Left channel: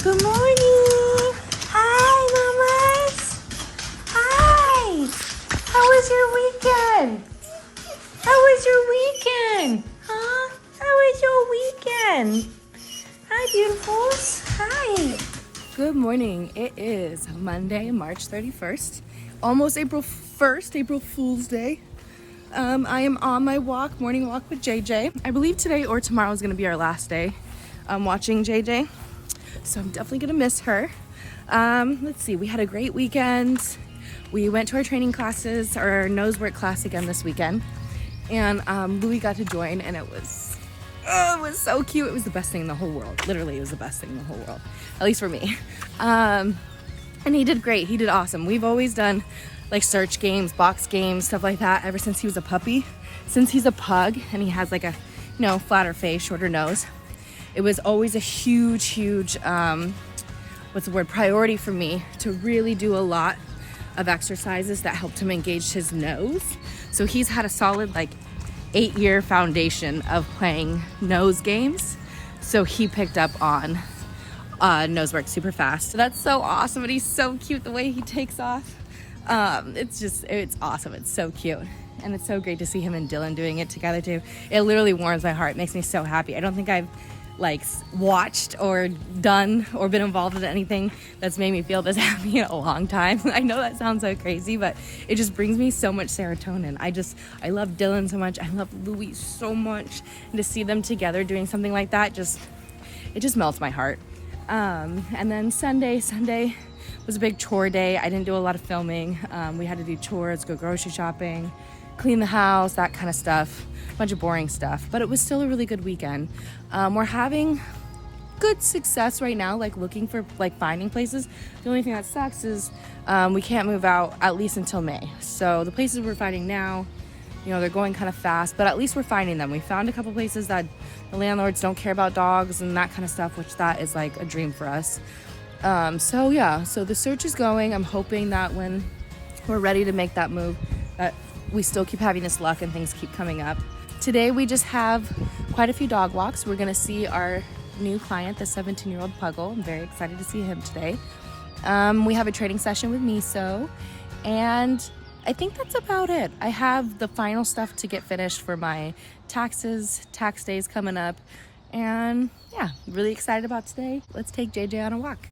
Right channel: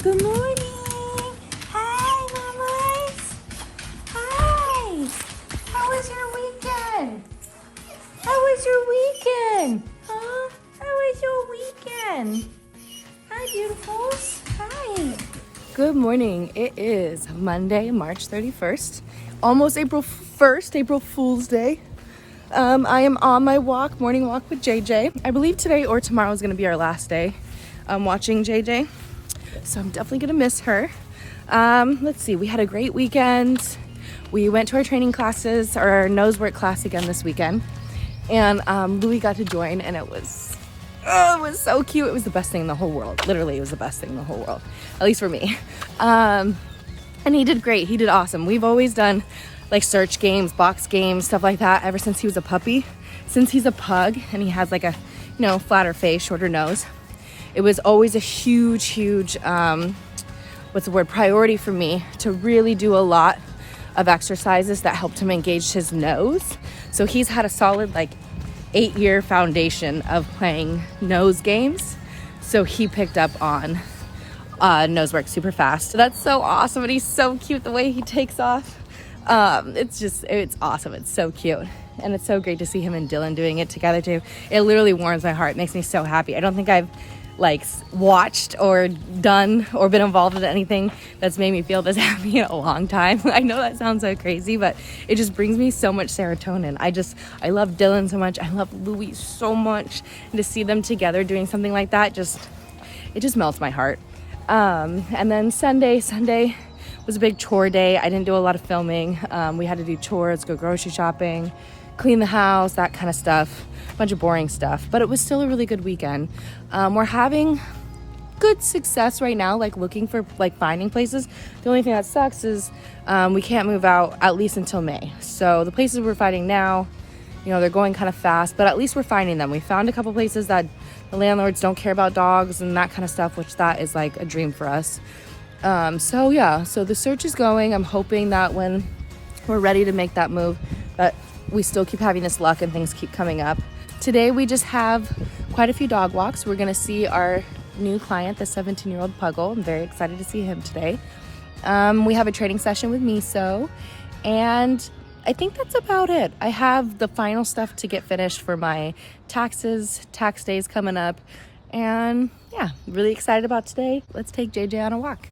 Good morning. Hi, mamas. Hi. How was your weekend? How was your weekend? Huh? How was your weekend? Hi, beautifuls. Hi. Good morning. It is Monday, March 31st. Almost April 1st, April Fool's Day. I am on my morning walk with JJ. I believe today or tomorrow is going to be our last day watching JJ. So I'm definitely going to miss her. Let's see, we had a great weekend. We went to our training classes, our nose work class again this weekend. And Louis got to join, and it was so cute. It was the best thing in the whole world. Literally, it was the best thing in the whole world, at least for me. And he did great. He did awesome. We've always done like search games, box games, stuff like that ever since he was a puppy. Since he's a pug and he has like a, flatter face, shorter nose, it was always a huge, priority for me to really do a lot of exercises that helped him engage his nose. So he's had a solid 8-year foundation of playing nose games. So he picked up on nose work super fast. So that's so awesome. And he's so cute the way he takes off. It's awesome. It's so cute. And it's so great to see him and Dylan doing it together too. It literally warms my heart. It makes me so happy. I don't think I've watched or done or been involved with anything that's made me feel this happy in a long time. I know that sounds so crazy, but it just brings me so much serotonin. I love Dylan so much. I love Louis so much. And to see them together doing something like that, it just melts my heart. And then Sunday was a big chore day. I didn't do a lot of filming. We had to do chores, go grocery shopping, clean the house, that kind of stuff. Bunch of boring stuff, but it was still a really good weekend. We're having good success right now, looking for finding places. The only thing that sucks is we can't move out at least until May. So the places we're finding now, they're going kind of fast, but at least we're finding them. We found a couple places that the landlords don't care about dogs and that kind of stuff, which that is a dream for us. So the search is going. I'm hoping that when we're ready to make that move, that we still keep having this luck and things keep coming up. Today we just have quite a few dog walks. We're gonna see our new client, the 17-year-old Puggle. I'm very excited to see him today. We have a training session with Miso, and I think that's about it. I have the final stuff to get finished for my tax days coming up, and yeah, really excited about today. Let's take JJ on a walk.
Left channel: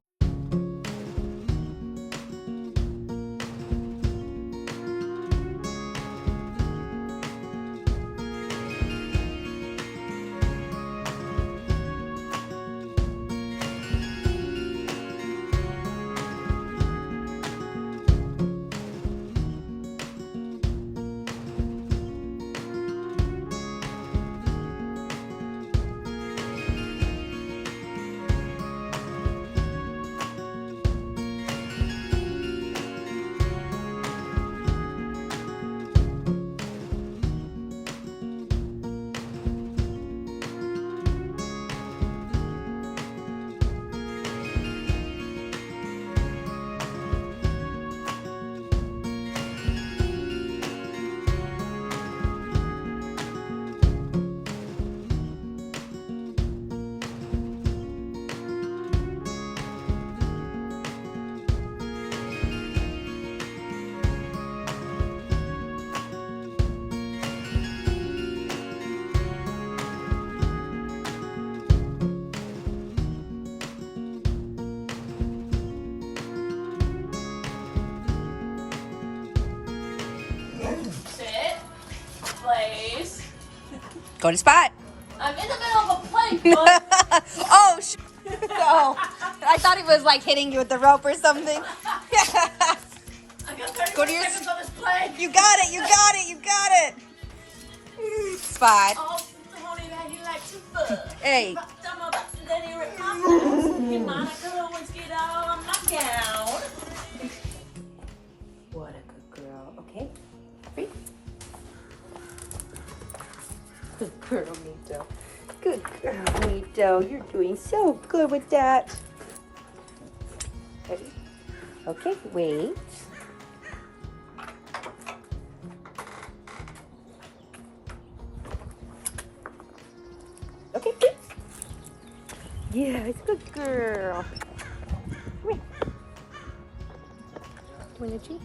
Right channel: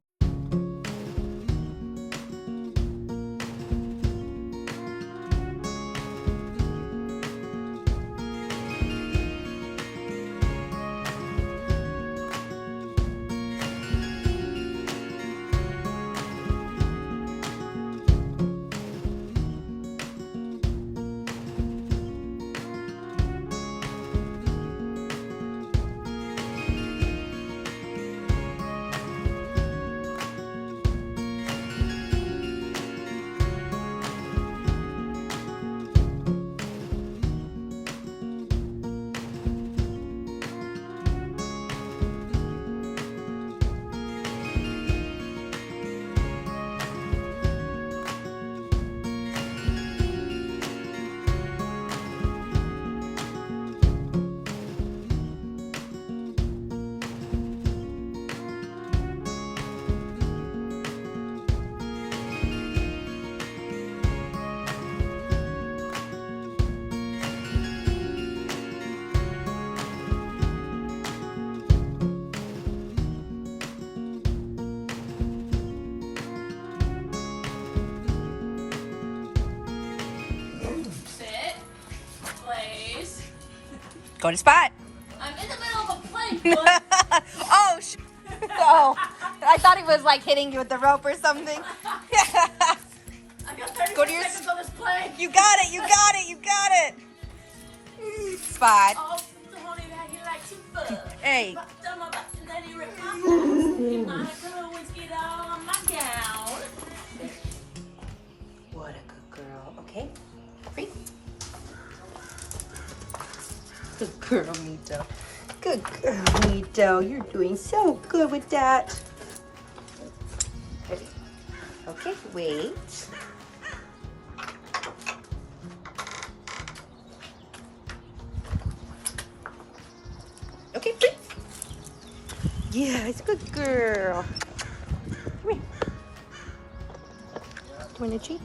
Go to spot. I'm in the middle of a plank. Oh, oh, I thought he was hitting you with the rope or something. I got 30 Go to your seconds on this plank. You got it. Spot. Oh, honey, now you like super. Hey. What a good girl. Okay. Free. Good girl, Miso. Good girl, Miso. You're doing so good with that. Ready? Okay, wait. Okay, free. Yes, good girl. Come here, Itchy.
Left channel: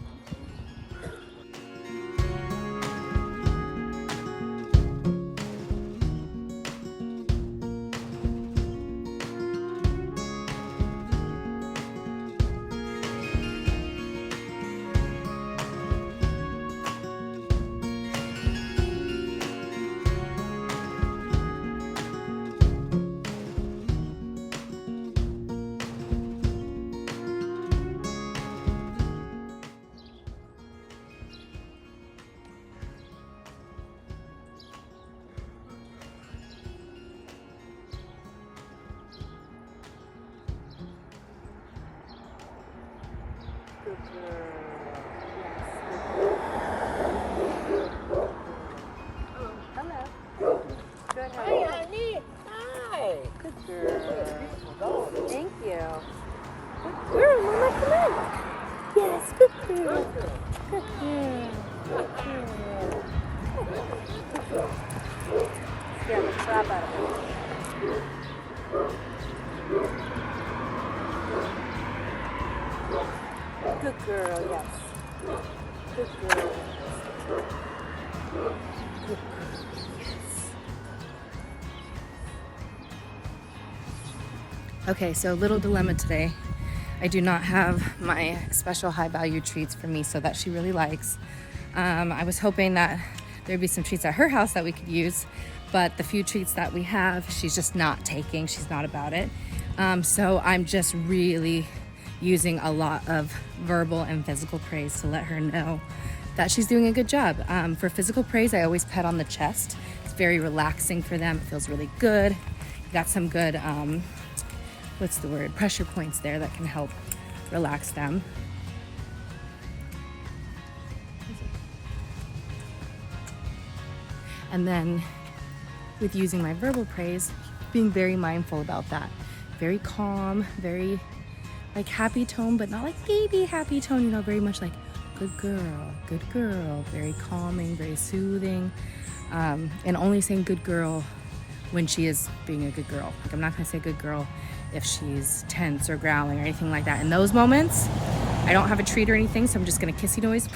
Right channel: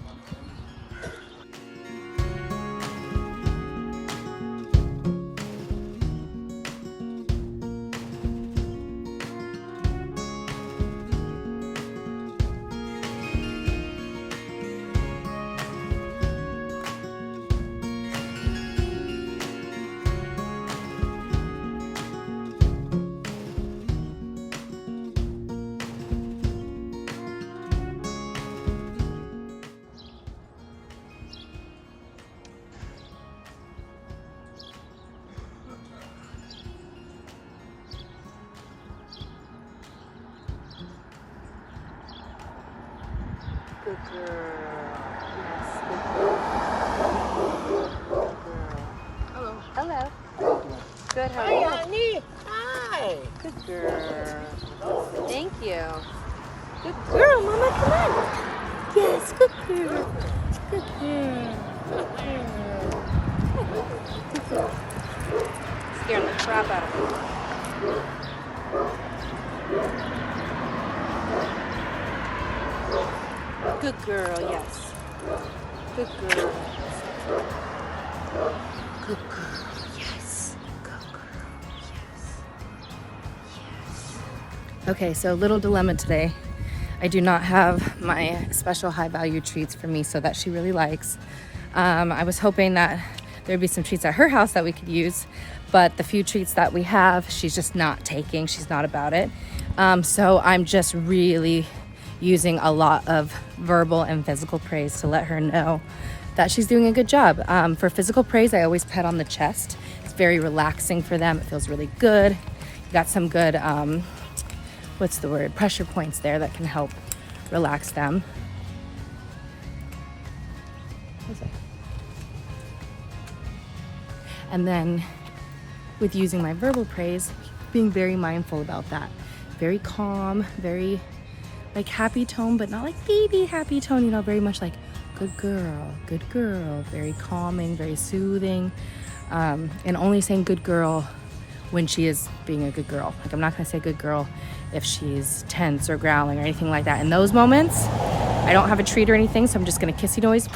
Good girl. Yes, good girl. Good girl. Hello. Hello. Good, how are Hi, you? honey. Hi. Good girl. Thank you. Good girl, Mama, come on. Yes, good girl. Good girl. Good girl. Scaring the crap out of her. Good girl, yes. Good girl. Good girl, yes. Good girl, yes. Okay, so little dilemma today. I do not have my special high value treats for Miso that she really likes. I was hoping that there'd be some treats at her house that we could use, but the few treats that we have, she's just not taking. She's not about it. So I'm just really using a lot of verbal and physical praise to let her know that she's doing a good job. For physical praise, I always pet on the chest. It's very relaxing for them. It feels really good. You got some good, what's the word? Pressure points there that can help relax them. And then with using my verbal praise, being very mindful about that. Very calm, very like happy tone, but not like baby happy tone, you know, very much like good girl, very calming, very soothing, and only saying good girl when she is being a good girl. Like I'm not gonna say good girl if she's tense or growling or anything like that. In those moments, I don't have a treat or anything, so I'm just gonna kissy noise,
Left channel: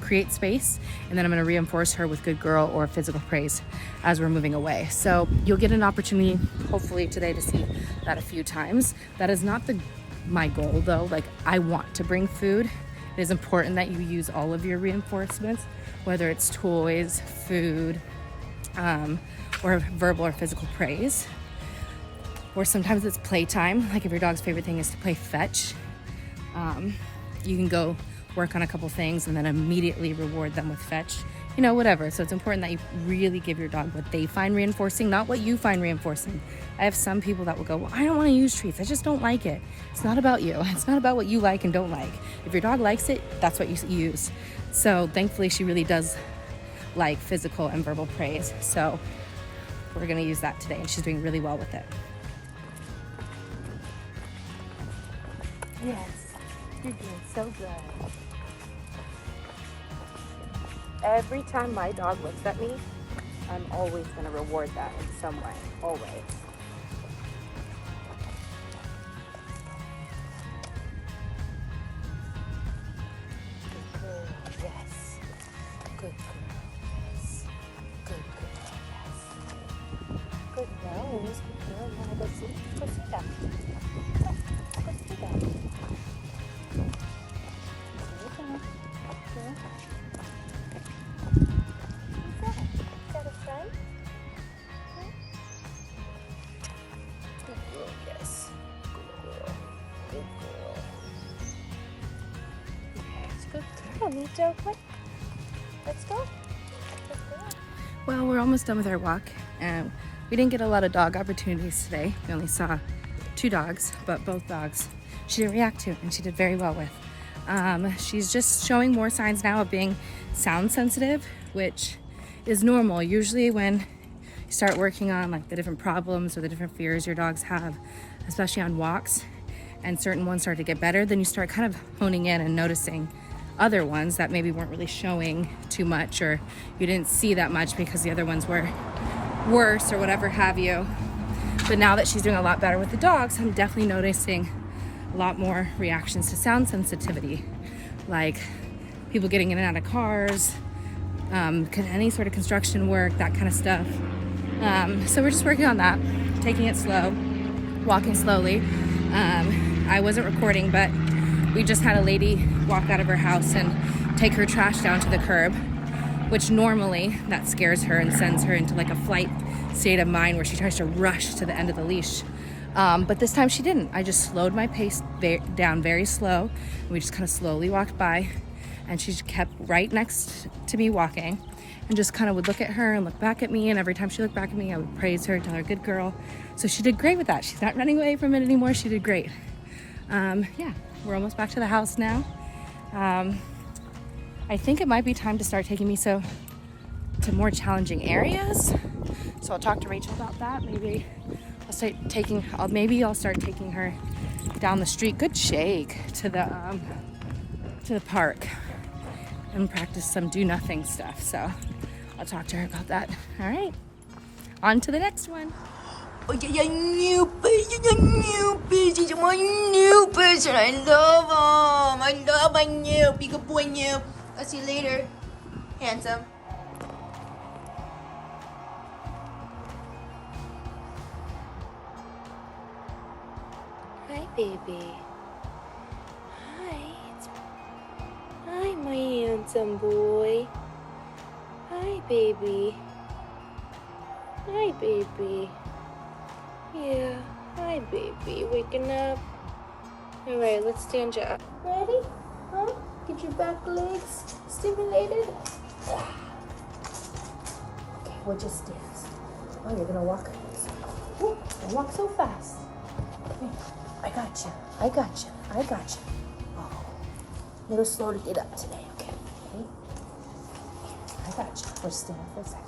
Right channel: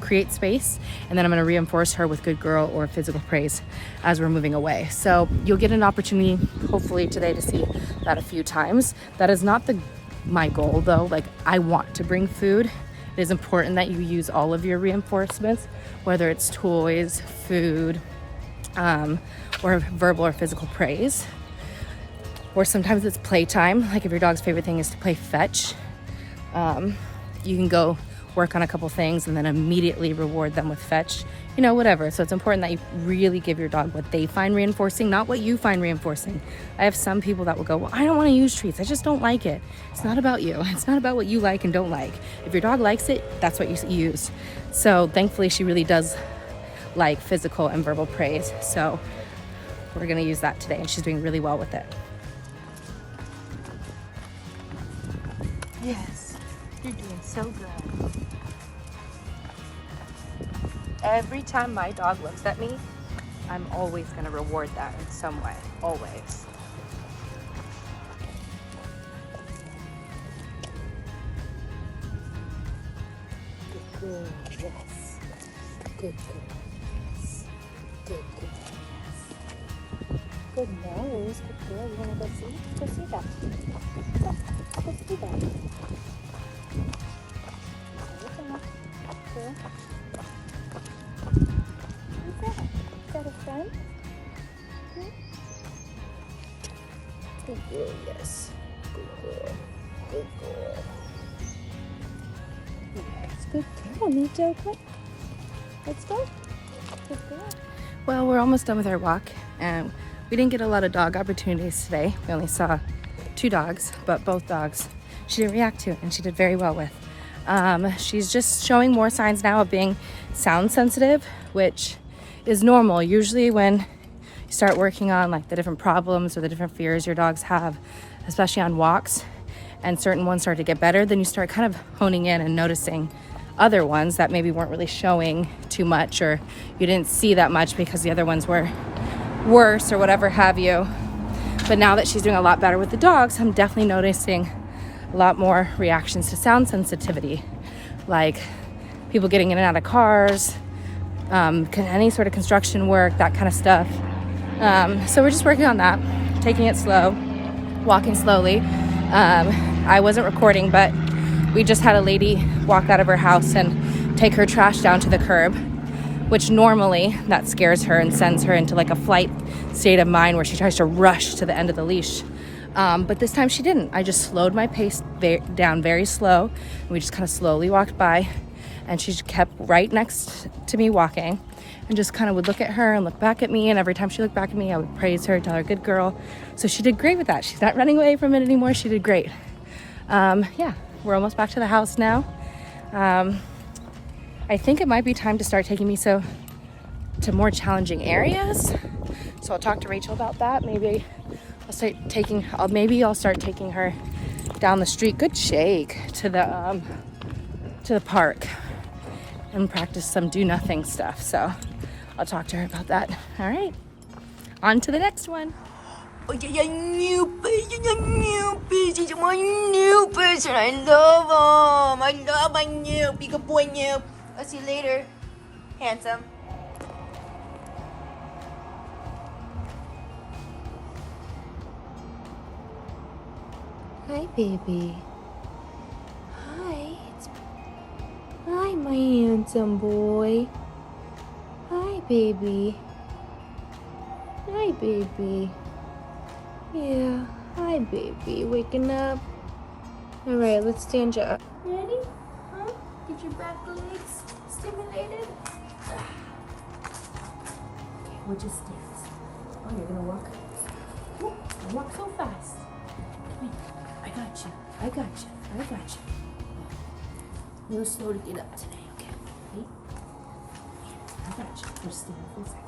create space, and then I'm gonna reinforce her with good girl or physical praise as we're moving away. So you'll get an opportunity, hopefully today, to see that a few times. That is not my goal though. Like I want to bring food. It is important that you use all of your reinforcements, whether it's toys, food, or verbal or physical praise. Or sometimes it's playtime. Like if your dog's favorite thing is to play fetch, you can go work on a couple things and then immediately reward them with fetch, you know, whatever. So it's important that you really give your dog what they find reinforcing, not what you find reinforcing. I have some people that will go, well, I don't want to use treats. I just don't like it. It's not about you. It's not about what you like and don't like. If your dog likes it, that's what you use. So thankfully she really does like physical and verbal praise. So we're going to use that today and she's doing really well with it. Yes, you're doing so good. Every time my dog looks at me, I'm always going to reward that in some way, always. Good girl, yes. Good girl, yes. Good girl, yes. Good nose, good girl. You want to go see? Go see that. Go see that. Good. Good girl, yes. Good girl. Good girl. Yes, good girl, Miso. Come on. Let's go. Good girl. Well, we're almost done with our walk, and we didn't get a lot of dog opportunities today. We only saw 2 dogs, but both dogs she didn't react to, and she did very well with. She's just showing more signs now of being sound sensitive, which is normal. Usually when you start working on like the different problems or the different fears your dogs have, especially on walks, and certain ones start to get better, then you start kind of honing in and noticing other ones that maybe weren't really showing too much, or you didn't see that much because the other ones were worse or whatever have you. But now that she's doing a lot better with the dogs, I'm definitely noticing a lot more reactions to sound sensitivity. like people getting in and out of cars, any sort of construction work, that kind of stuff. So we're just working on that, taking it slow, walking slowly. I wasn't recording, but we just had a lady walk out of her house and take her trash down to the curb, which normally that scares her and sends her into like a flight state of mind where she tries to rush to the end of the leash. But this time she didn't. I just slowed my pace down very slow. We just kind of slowly walked by, and she kept right next to me walking, and just kind of would look at her and look back at me. And every time she looked back at me, I would praise her, tell her good girl. So she did great with that. She's not running away from it anymore. She did great. Yeah, we're almost back to the house now. I think it might be time to start taking Miso to more challenging areas. So I'll talk to Rachel about that. Maybe I'll start taking her down the street. Good shake to the park and practice some do nothing stuff. So I'll talk to her about that. All right, on to the next one. Oh, yeah, new person, my new person. I love him. I love my new, big boy new. I'll see you later, handsome. Hi, baby. Hi, my handsome boy. Hi, baby. Hi, baby. Yeah, hi, baby. Waking up. All right, let's stand you up. Ready? Huh? Get your back legs stimulated. Okay, we'll just dance. Oh, you're gonna walk. Ooh, don't walk so fast. Come here. I got you. I got you. I got you. Oh, a little slow to get up today. Okay. Ready? I got you. We're stand for a second.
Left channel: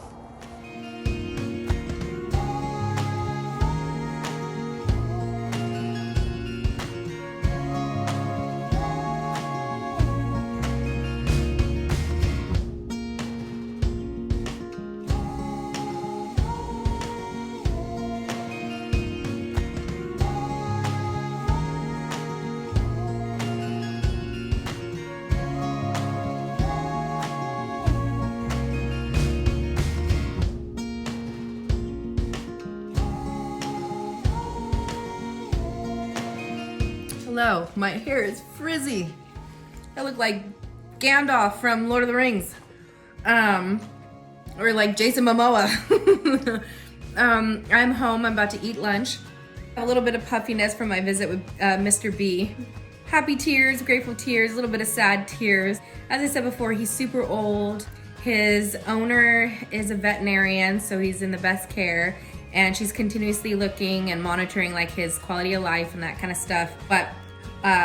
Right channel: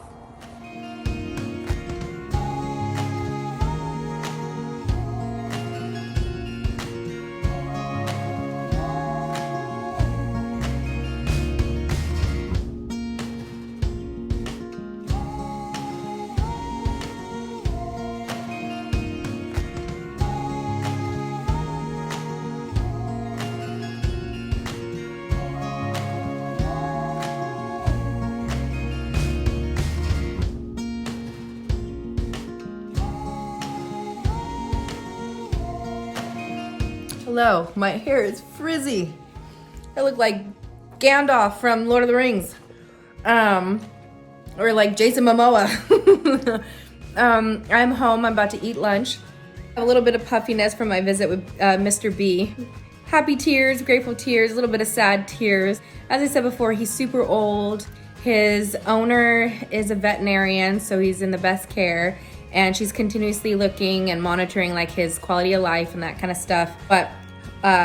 Hello, my hair is frizzy. I look like Gandalf from Lord of the Rings. Or like Jason Momoa. I'm home, I'm about to eat lunch. A little bit of puffiness from my visit with Mr. B. Happy tears, grateful tears, a little bit of sad tears. As I said before, he's super old. His owner is a veterinarian, so he's in the best care. And she's continuously looking and monitoring like his quality of life and that kind of stuff. But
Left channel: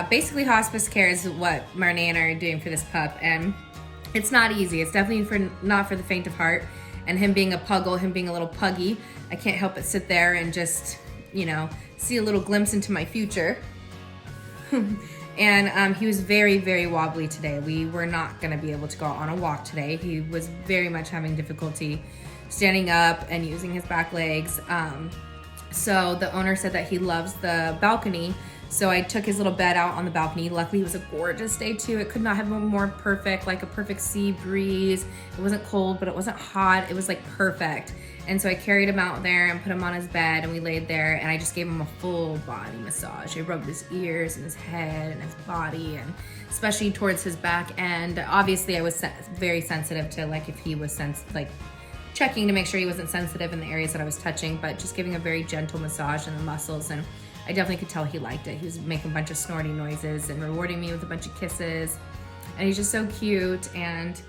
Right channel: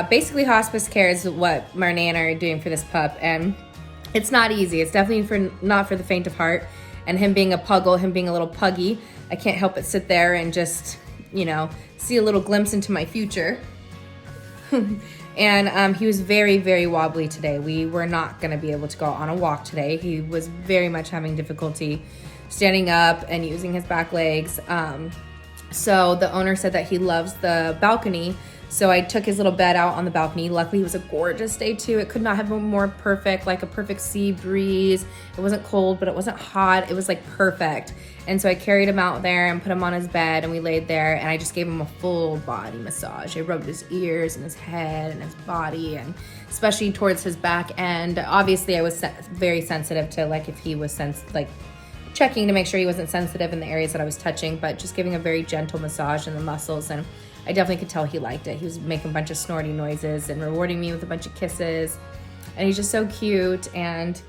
basically hospice care is what Marnie and I are doing for this pup. And it's not easy. It's definitely not for the faint of heart. And him being a puggle, him being a little puggy, I can't help but sit there and just, you know, see a little glimpse into my future. And he was very, very wobbly today. We were not gonna be able to go on a walk today. He was very much having difficulty standing up and using his back legs. So the owner said that he loves the balcony. So I took his little bed out on the balcony. Luckily it was a gorgeous day too. It could not have been more perfect, like a perfect sea breeze. It wasn't cold, but it wasn't hot. It was like perfect. And so I carried him out there and put him on his bed, and we laid there, and I just gave him a full body massage. I rubbed his ears and his head and his body, and especially towards his back end. Obviously I was very sensitive to like if he was checking to make sure he wasn't sensitive in the areas that I was touching, but just giving a very gentle massage in the muscles. And I definitely could tell he liked it. He was making a bunch of snorty noises and rewarding me with a bunch of kisses. And he's just so cute. And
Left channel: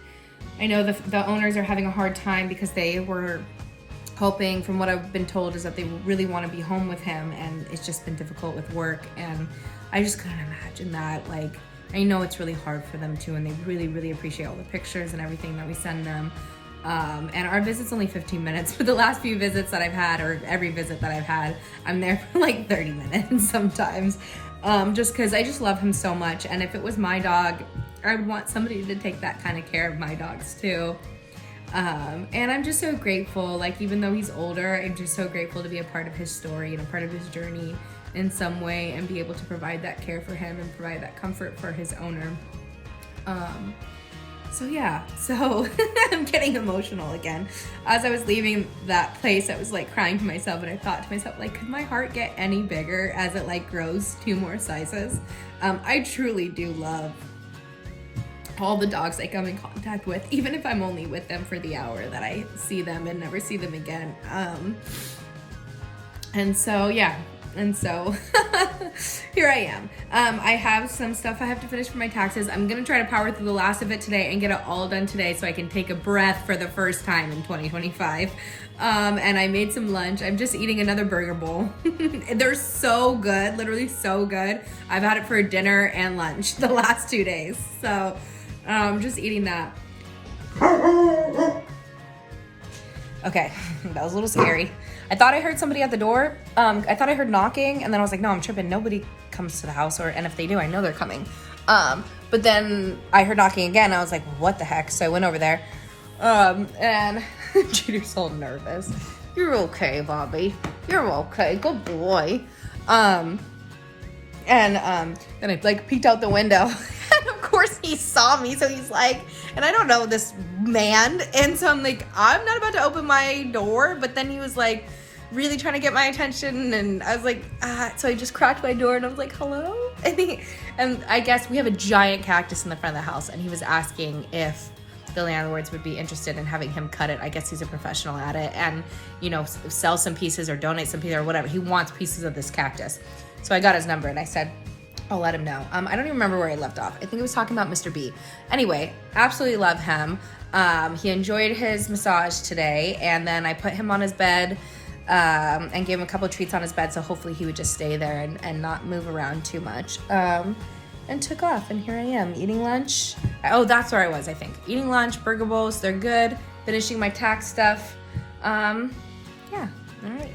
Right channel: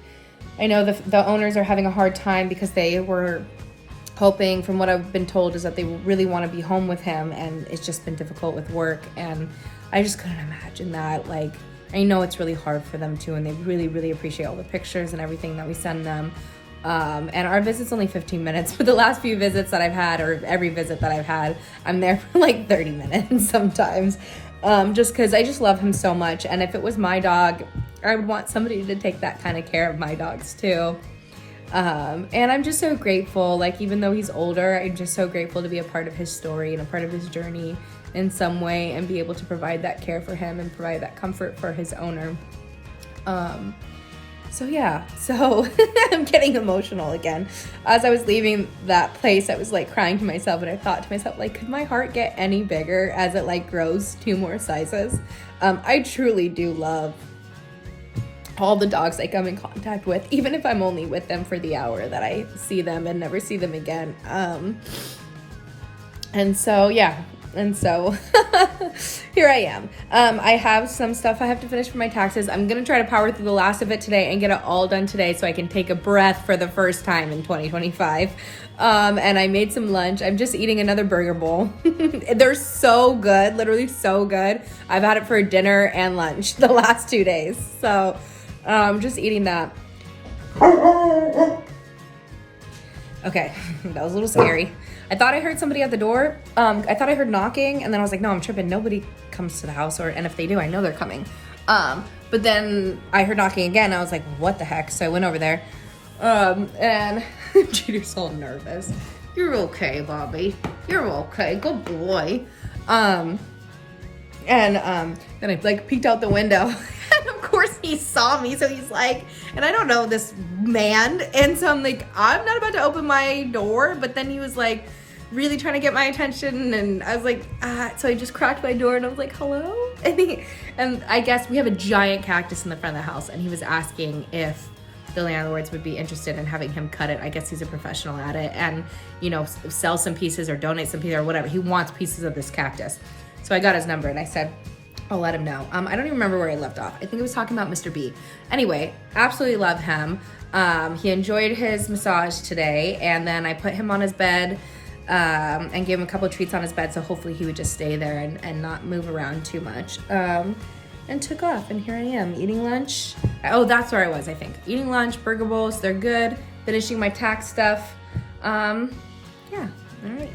I know the owners are having a hard time because they were hoping, from what I've been told, is that they really want to be home with him. And it's just been difficult with work. And I just couldn't imagine that. Like, I know it's really hard for them too. And they really, really appreciate all the pictures and everything that we send them. And our visit's only 15 minutes, but the last few visits that I've had, or every visit that I've had, I'm there for like 30 minutes sometimes, just because I just love him so much. And if it was my dog, I would want somebody to take that kind of care of my dogs too. And I'm just so grateful, like even though he's older, I'm just so grateful to be a part of his story and a part of his journey in some way, and be able to provide that care for him and provide that comfort for his owner. So yeah, so I'm getting emotional again. As I was leaving that place, I was like crying to myself, and I thought to myself, like, could my heart get any bigger as it like grows 2 more sizes? I truly do love all the dogs I come in contact with, even if I'm only with them for the hour that I see them and never see them again. And so, yeah. And so here I am. I have some stuff I have to finish for my taxes. I'm going to try to power through the last of it today and get it all done today so I can take a breath for the first time in 2025. And I made some lunch. I'm just eating another burger bowl. They're so good, literally so good. I've had it for dinner and lunch the last 2 days. So just eating that. Okay, that was a little scary. I thought I heard somebody at the door. I thought I heard knocking, and then I was like, no, I'm tripping. Nobody comes to the house, and if they do, I know they're coming. But then I heard knocking again. I was like, what the heck? So I went over there, and Judy's so nervous. You're okay, Bobby. You're okay. Good boy. And then I like peeked out the window, and of course he saw me. So he's like, and I don't know this man, and so I'm like, I'm not about to open my door, but then he was like really trying to get my attention, and I was like, so I just cracked my door, and I was like, hello. And I guess we have a giant cactus in the front of the house, and he was asking if the landlords would be interested in having him cut it. I guess he's a professional at it, and you know, sell some pieces or donate some pieces or whatever. He wants pieces of this cactus. So I got his number, and I said, I'll let him know. I don't even remember where I left off. I think I was talking about Mr. B. Anyway, absolutely love him. He enjoyed his massage today, and then I put him on his bed and gave him a couple of treats on his bed, so hopefully he would just stay there and not move around too much. And took off, and here I am eating lunch. Oh, that's where I was, I think. Eating lunch, burger bowls, they're good. Finishing my tax stuff. Yeah, all right.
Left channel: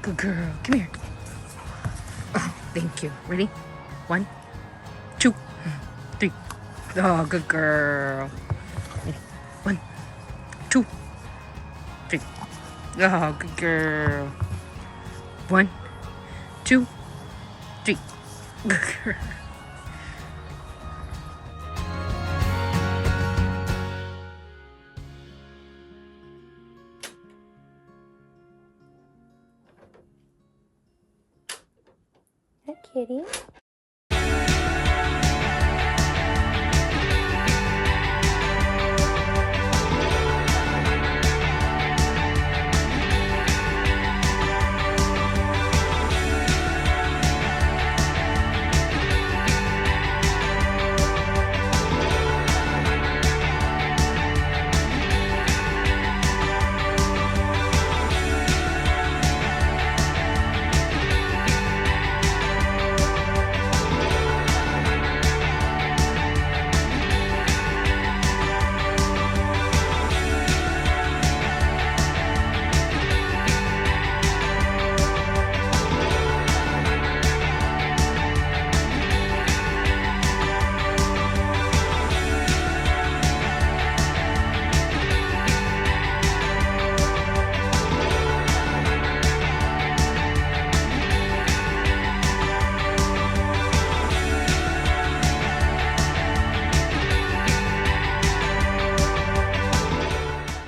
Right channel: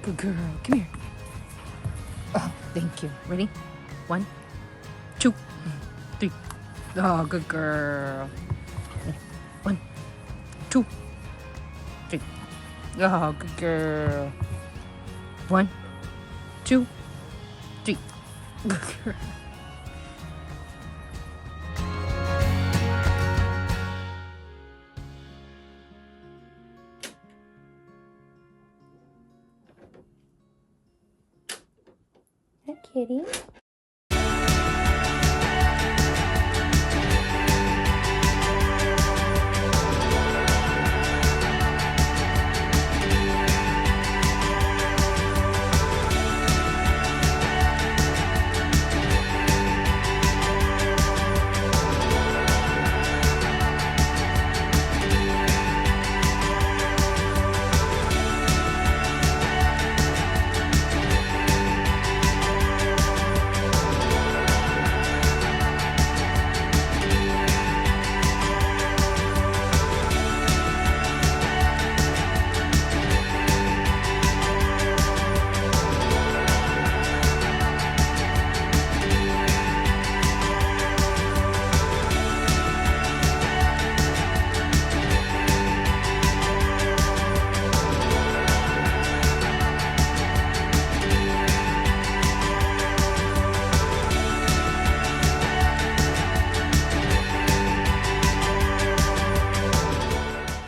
Good girl, come here. Oh, thank you. Ready? 1, 2, 3. Oh, good girl. 1, 2, 3. Oh, good girl. 1, 2, 3. Good girl. Kitty.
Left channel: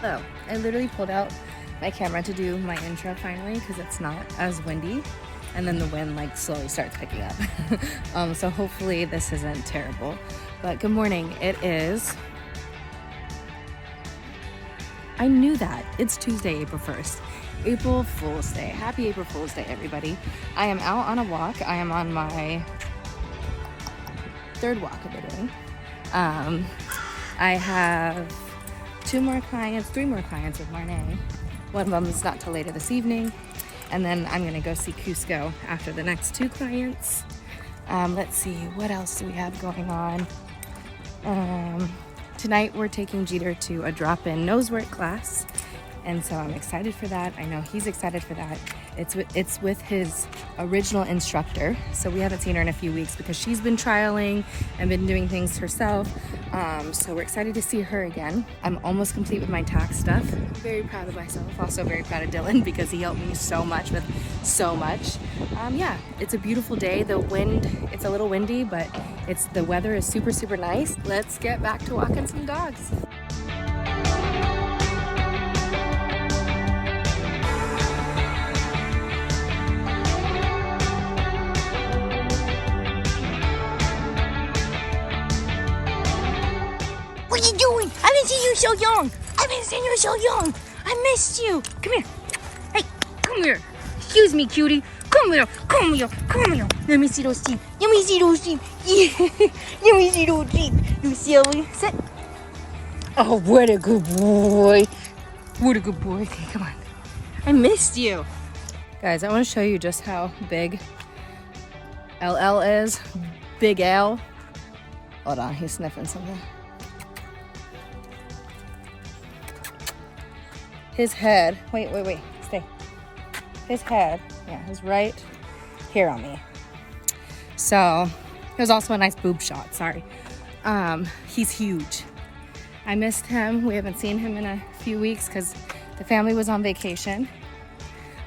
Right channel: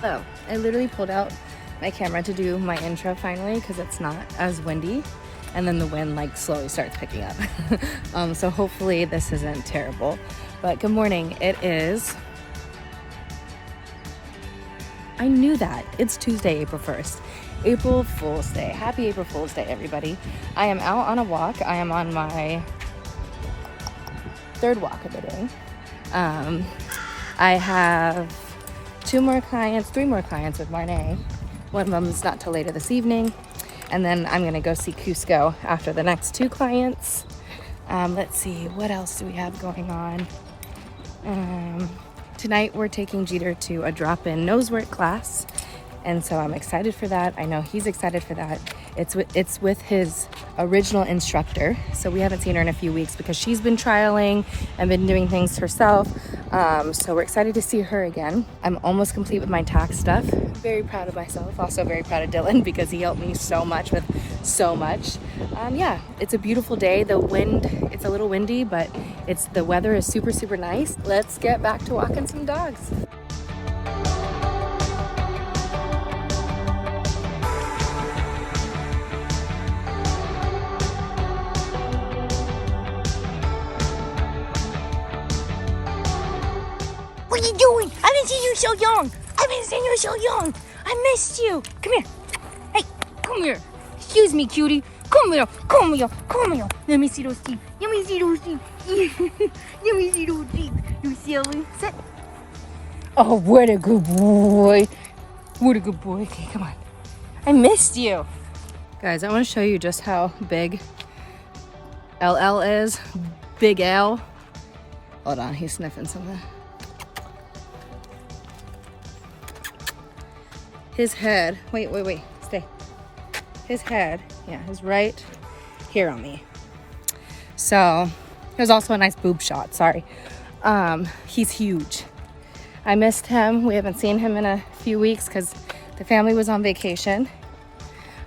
So I literally pulled out my camera to do my intro finally because it's not as windy, and then the wind like slowly starts picking up. So hopefully this isn't terrible. But good morning. It is, I knew that. It's Tuesday, April 1st. April Fool's Day. Happy April Fool's Day, everybody. I am out on a walk. I am on my 3rd walk of the day. I have 3 more clients with Marnay. One of them is not till later this evening. And then I'm gonna go see Cusco after the next 2 clients. Let's see, what else do we have going on? Tonight we're taking Jeter to a drop-in nose work class, and so I'm excited for that. I know he's excited for that. It's with his original instructor, so we haven't seen her in a few weeks because she's been trialing and been doing things herself. So we're excited to see her again. I'm almost complete with my tax stuff. Very proud of myself. Also very proud of Dylan because he helped me so much with so much. Yeah, it's a beautiful day. The wind, it's a little windy, but the weather is super, super nice. Let's get back to walking some dogs. What are you doing? I haven't seen you so young. I haven't seen you so young. I missed you. Come here. Hey, come here. Excuse me, cutie. Come here. Come here. Come here. Let me see those teeth. Let me see those teeth. Let me see those teeth. You silly. Sit. Oh, what a good boy. What a good boy. Okay, come on. I missed you. Guys, I want to show you just how big LL is. Big L. Hold on, he's sniffing something. His head, wait, stay. His head, yeah, is right here on me. So, there's also a nice boob shot, sorry. He's huge. I missed him. We haven't seen him in a few weeks because the family was on vacation.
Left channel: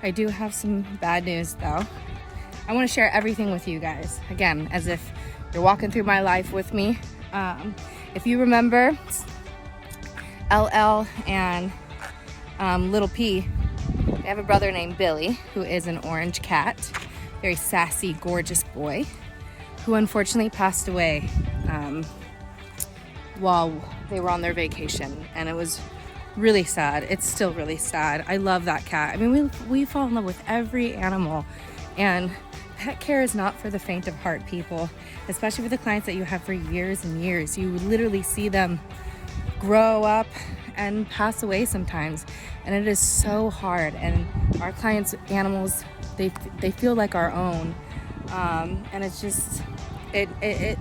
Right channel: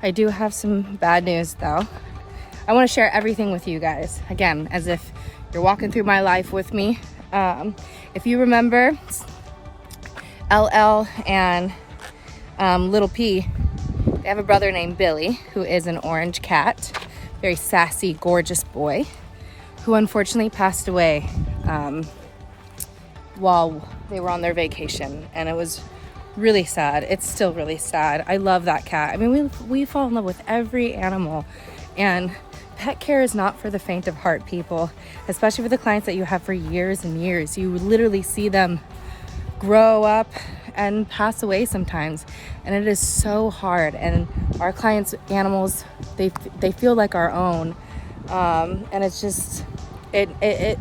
I do have some bad news though. I want to share everything with you guys. Again, as if you're walking through my life with me. If you remember, LL and Little P, they have a brother named Billy, who is an orange cat, very sassy, gorgeous boy, who unfortunately passed away while they were on their vacation, and it was really sad. It's still really sad. I love that cat. I mean, we fall in love with every animal, and pet care is not for the faint of heart, people, especially for the clients that you have for years and years. You literally see them grow up and pass away sometimes, and it is so hard. And our clients' animals, they feel like our own, and it's just it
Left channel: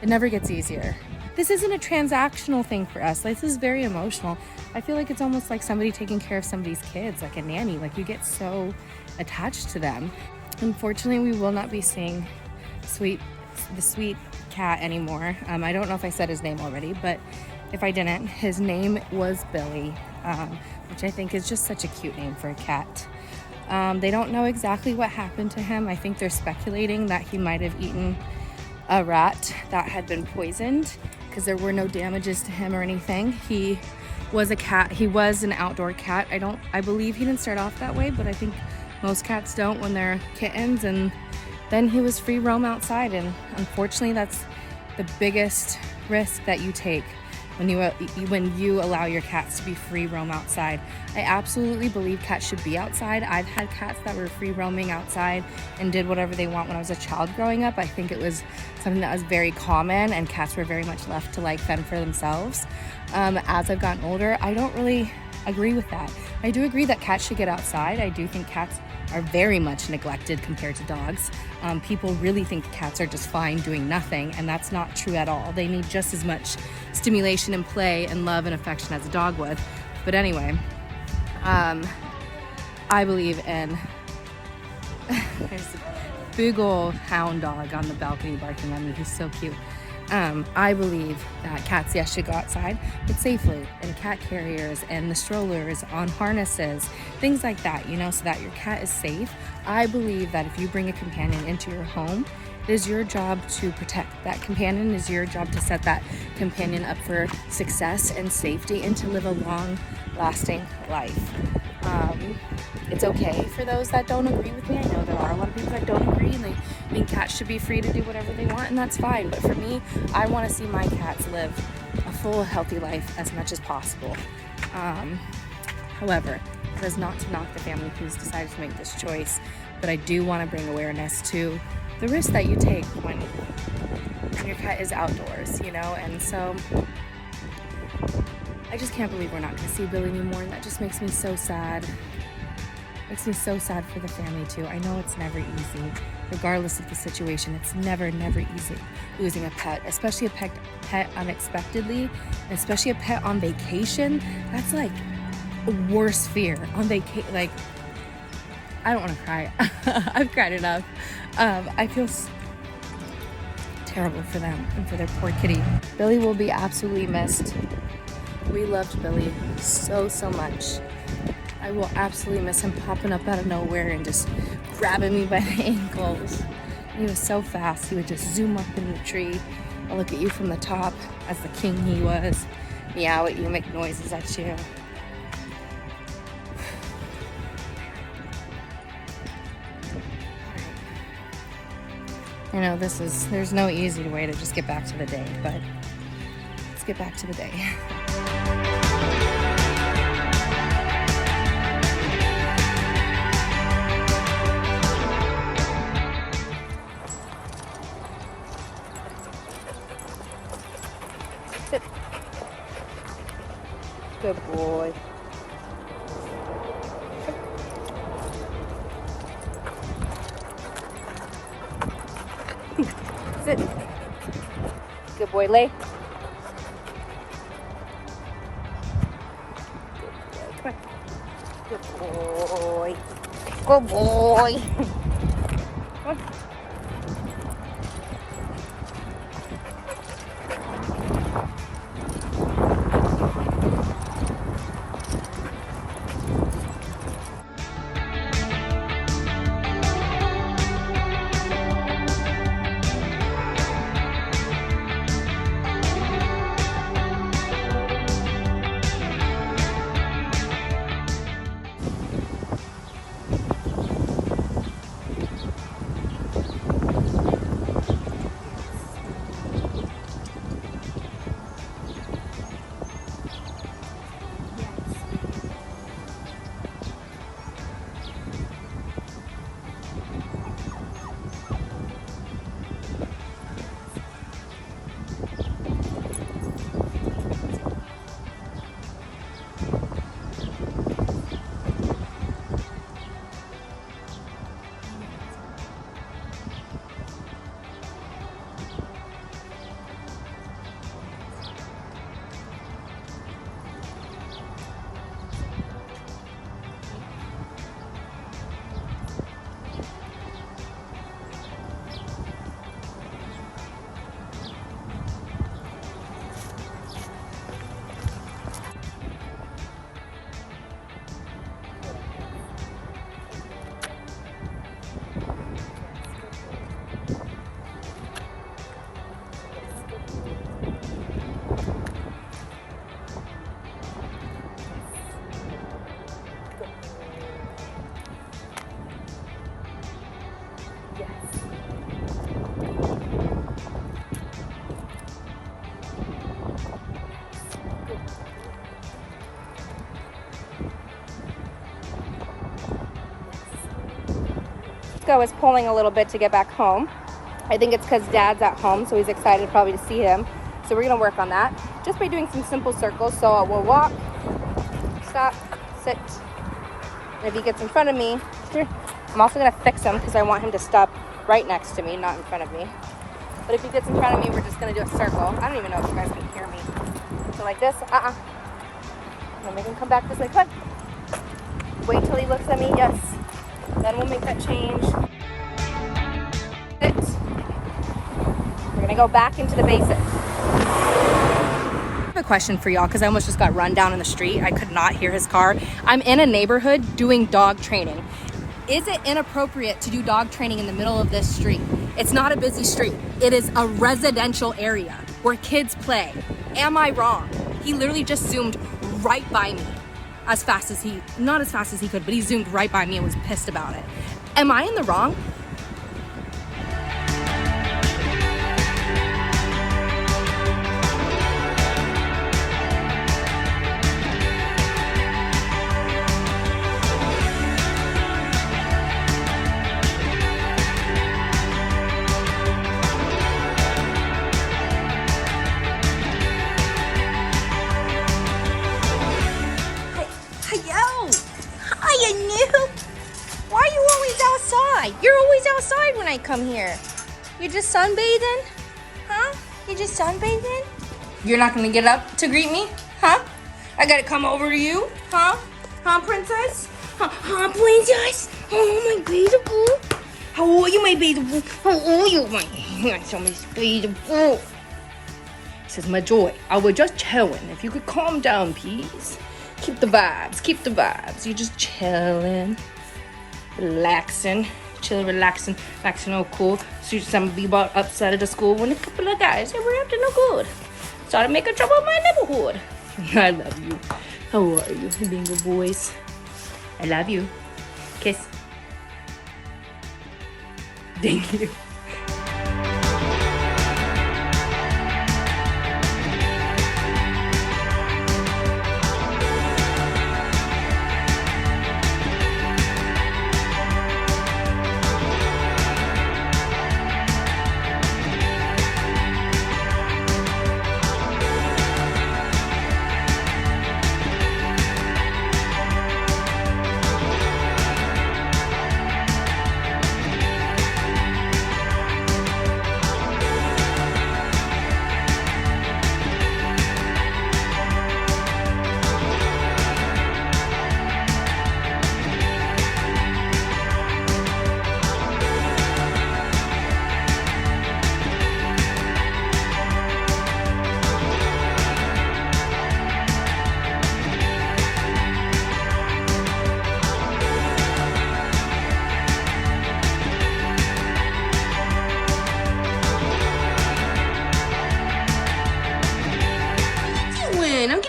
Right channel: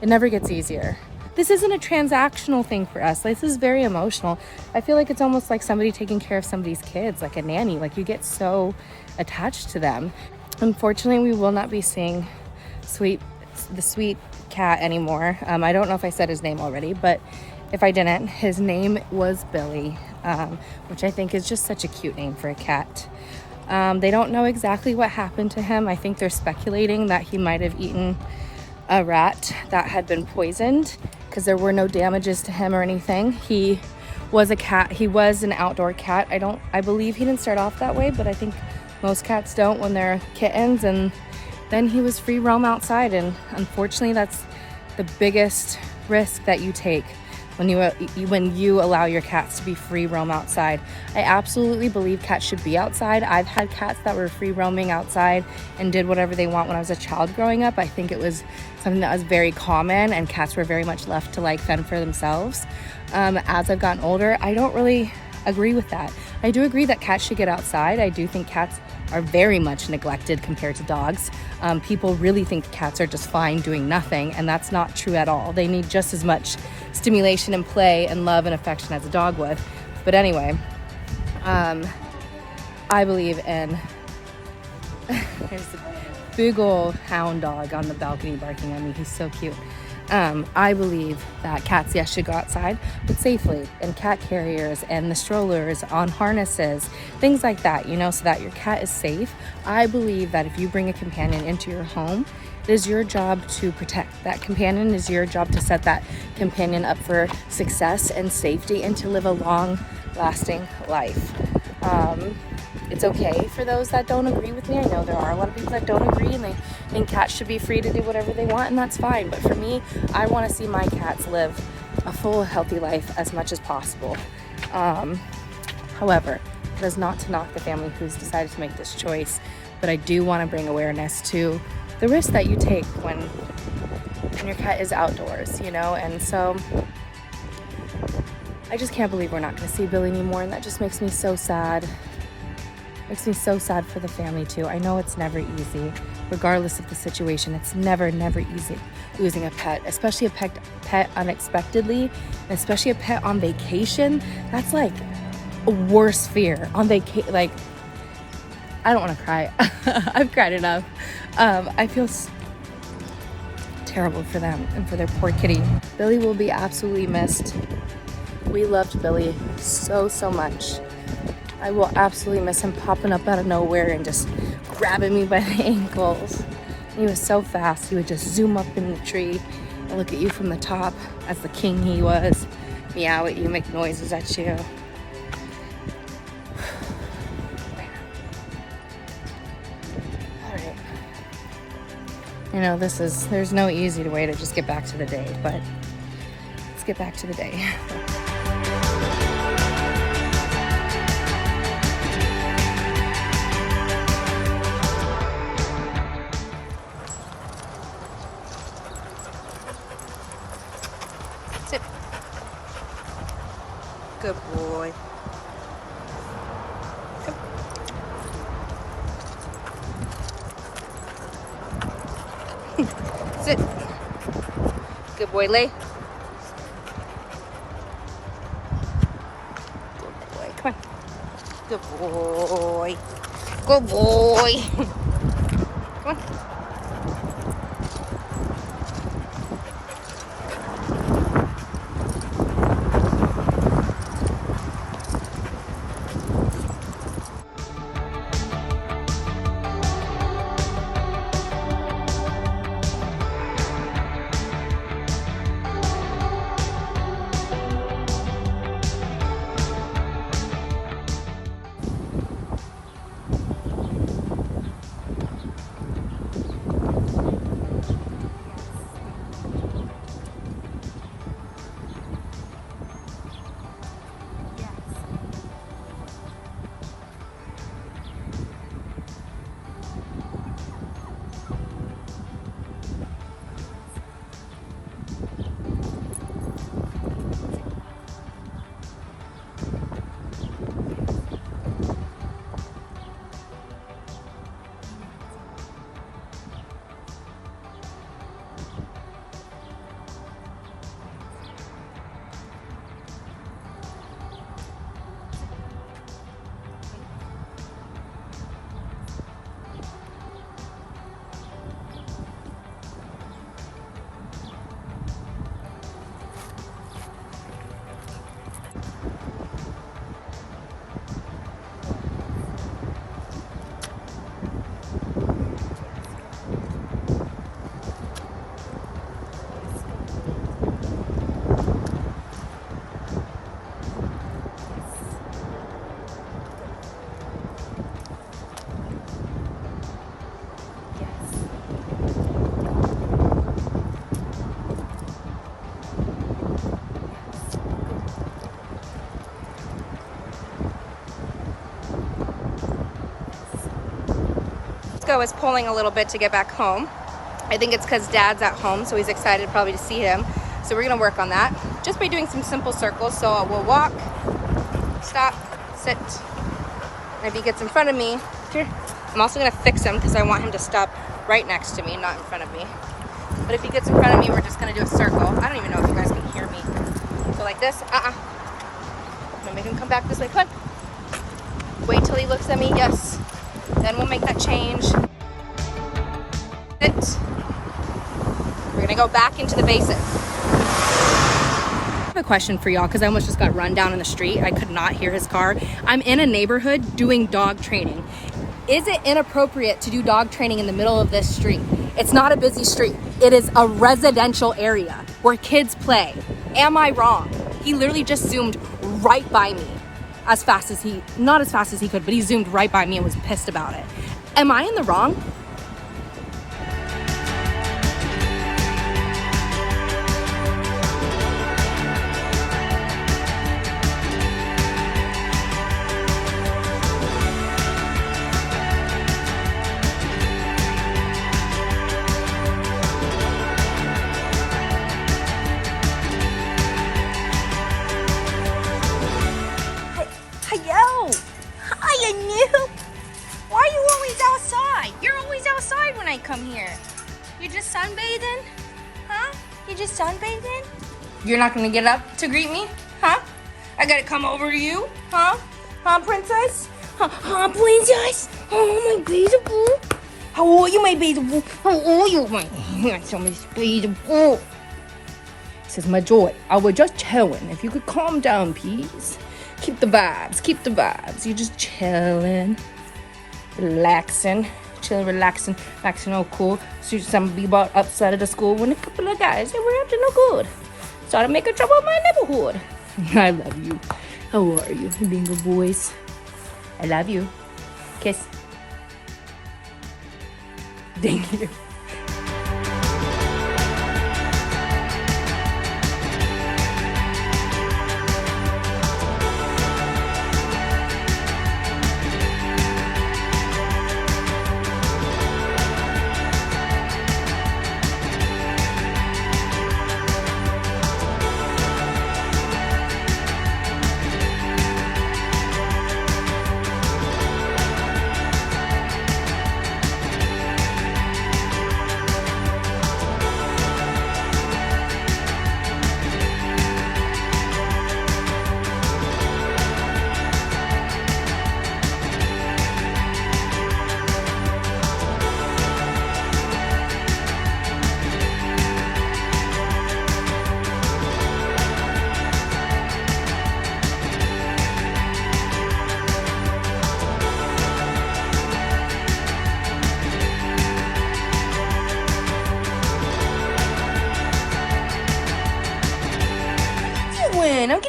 never gets easier. This isn't a transactional thing for us. This is very emotional. I feel like it's almost like somebody taking care of somebody's kids, like a nanny. Like, you get so attached to them. Unfortunately, we will not be seeing the sweet cat anymore. I don't know if I said his name already, but if I didn't, his name was Billy, which I think is just such a cute name for a cat. They don't know exactly what happened to him. I think they're speculating that he might have eaten a rat that had been poisoned, because there were no damages to him or anything. He was a cat. He was an outdoor cat. I believe he didn't start off that way, but I think most cats don't when they're kittens. And then he was free roam outside, and unfortunately that's the biggest risk that you take when you allow your cats to be free roam outside. I absolutely believe cats should be outside. I've had cats that were free roaming outside and did whatever they want when I was a child growing up. I think it was something that was very common, and cats were very much left to like fend for themselves. As I've gotten older, I don't really agree with that. I do agree that cats should get outside. I do think cats are very much neglected compared to dogs. People really think cats are just fine doing nothing, and that's not true at all. They need just as much stimulation and play and love and affection as a dog would. But anyway, I believe in there's a big old hound dog on the balcony barking at me. He's so cute. I believe that cats, yes, should go outside, but safely, in cat carriers and the strollers, on harnesses, things like that, so that your cat is safe. I believe that if you bring a companion into your home, it is your job to protect that companion. It is your job to set that companion up for success and safety, and to live a long-lasting life. It's okay for those that don't agree with me. I know there are a lot of people that don't agree, and they think cats should be free to do whatever they want, and that's fine. But for me, I want to see my cats live a full, healthy life as much as possible. However, it is not to knock the family who's decided to make this choice, but I do want to bring awareness to the risk that you take when your cat is outdoors, and so I just can't believe we're not going to see Billy anymore, and that just makes me so sad. Makes me so sad for the family too. I know it's never easy, regardless of the situation. It's never easy. losing a pet, especially a pet unexpectedly, and especially a pet on vacation. That's like a worse fear on vacation. Like, I don't want to cry. I've cried enough. I feel terrible for them and for their poor kitty. Billy will be absolutely missed. We loved Billy so much. I will absolutely miss him popping up out of nowhere and just grabbing me by the ankles. He was so fast. He would just zoom up in the tree and look at you from the top as the king he was. Meow at you, make noises at you. You know, there's no easy way to just get back to the day, but let's get back to the day. Sit. Good boy. Come. Sit. Good boy, lay. Come on. Good boy. Good boy. Come on. Is pulling a little bit to get back home. I think it's because Dad's at home, so he's excited probably to see him. So we're gonna work on that just by doing some simple circles. So we'll walk, stop, sit, and if he gets in front of me, here, I'm also gonna fix him because I want him to stop right next to me, not in front of me. But if he gets in front of me, we're just gonna do a circle. I don't even know if you guys can hear me. So like this, I'm gonna make him come back this way. Come on. Wait till he looks at me, yes. Then we'll make that change. Sit. We're gonna go back into the basics. I have a question for y'all because I almost just got run down in the street. I could not hear his car. I'm in a neighborhood doing dog training. Is it inappropriate to do dog training in the middle of this street? It's not a busy street. It is a residential area where kids play. Am I wrong? He literally just zoomed right by me. As fast as not as fast as he could, but he zoomed right by me and was pissed about it. Am I in the wrong? You're always outside when I come here. You're just sunbathing? Huh? just sunbathing? You're not gonna get up to greet me? Huh? I gotta come over to you? Huh? Huh, princess? Huh, princess? Oh, my beautiful. How are you, my beautiful? How are you, my beautiful? This is my joy. I was just chilling. If you could calm down, please. Keep the vibes. Keep the vibes. You're just chilling, relaxing, chilling, relaxing, all cool. So some people upset at the school when a couple of guys they were up to no good. Started making trouble in my neighborhood. I love you. How are you, being good boys? I love you. Kiss. Thank you. I'm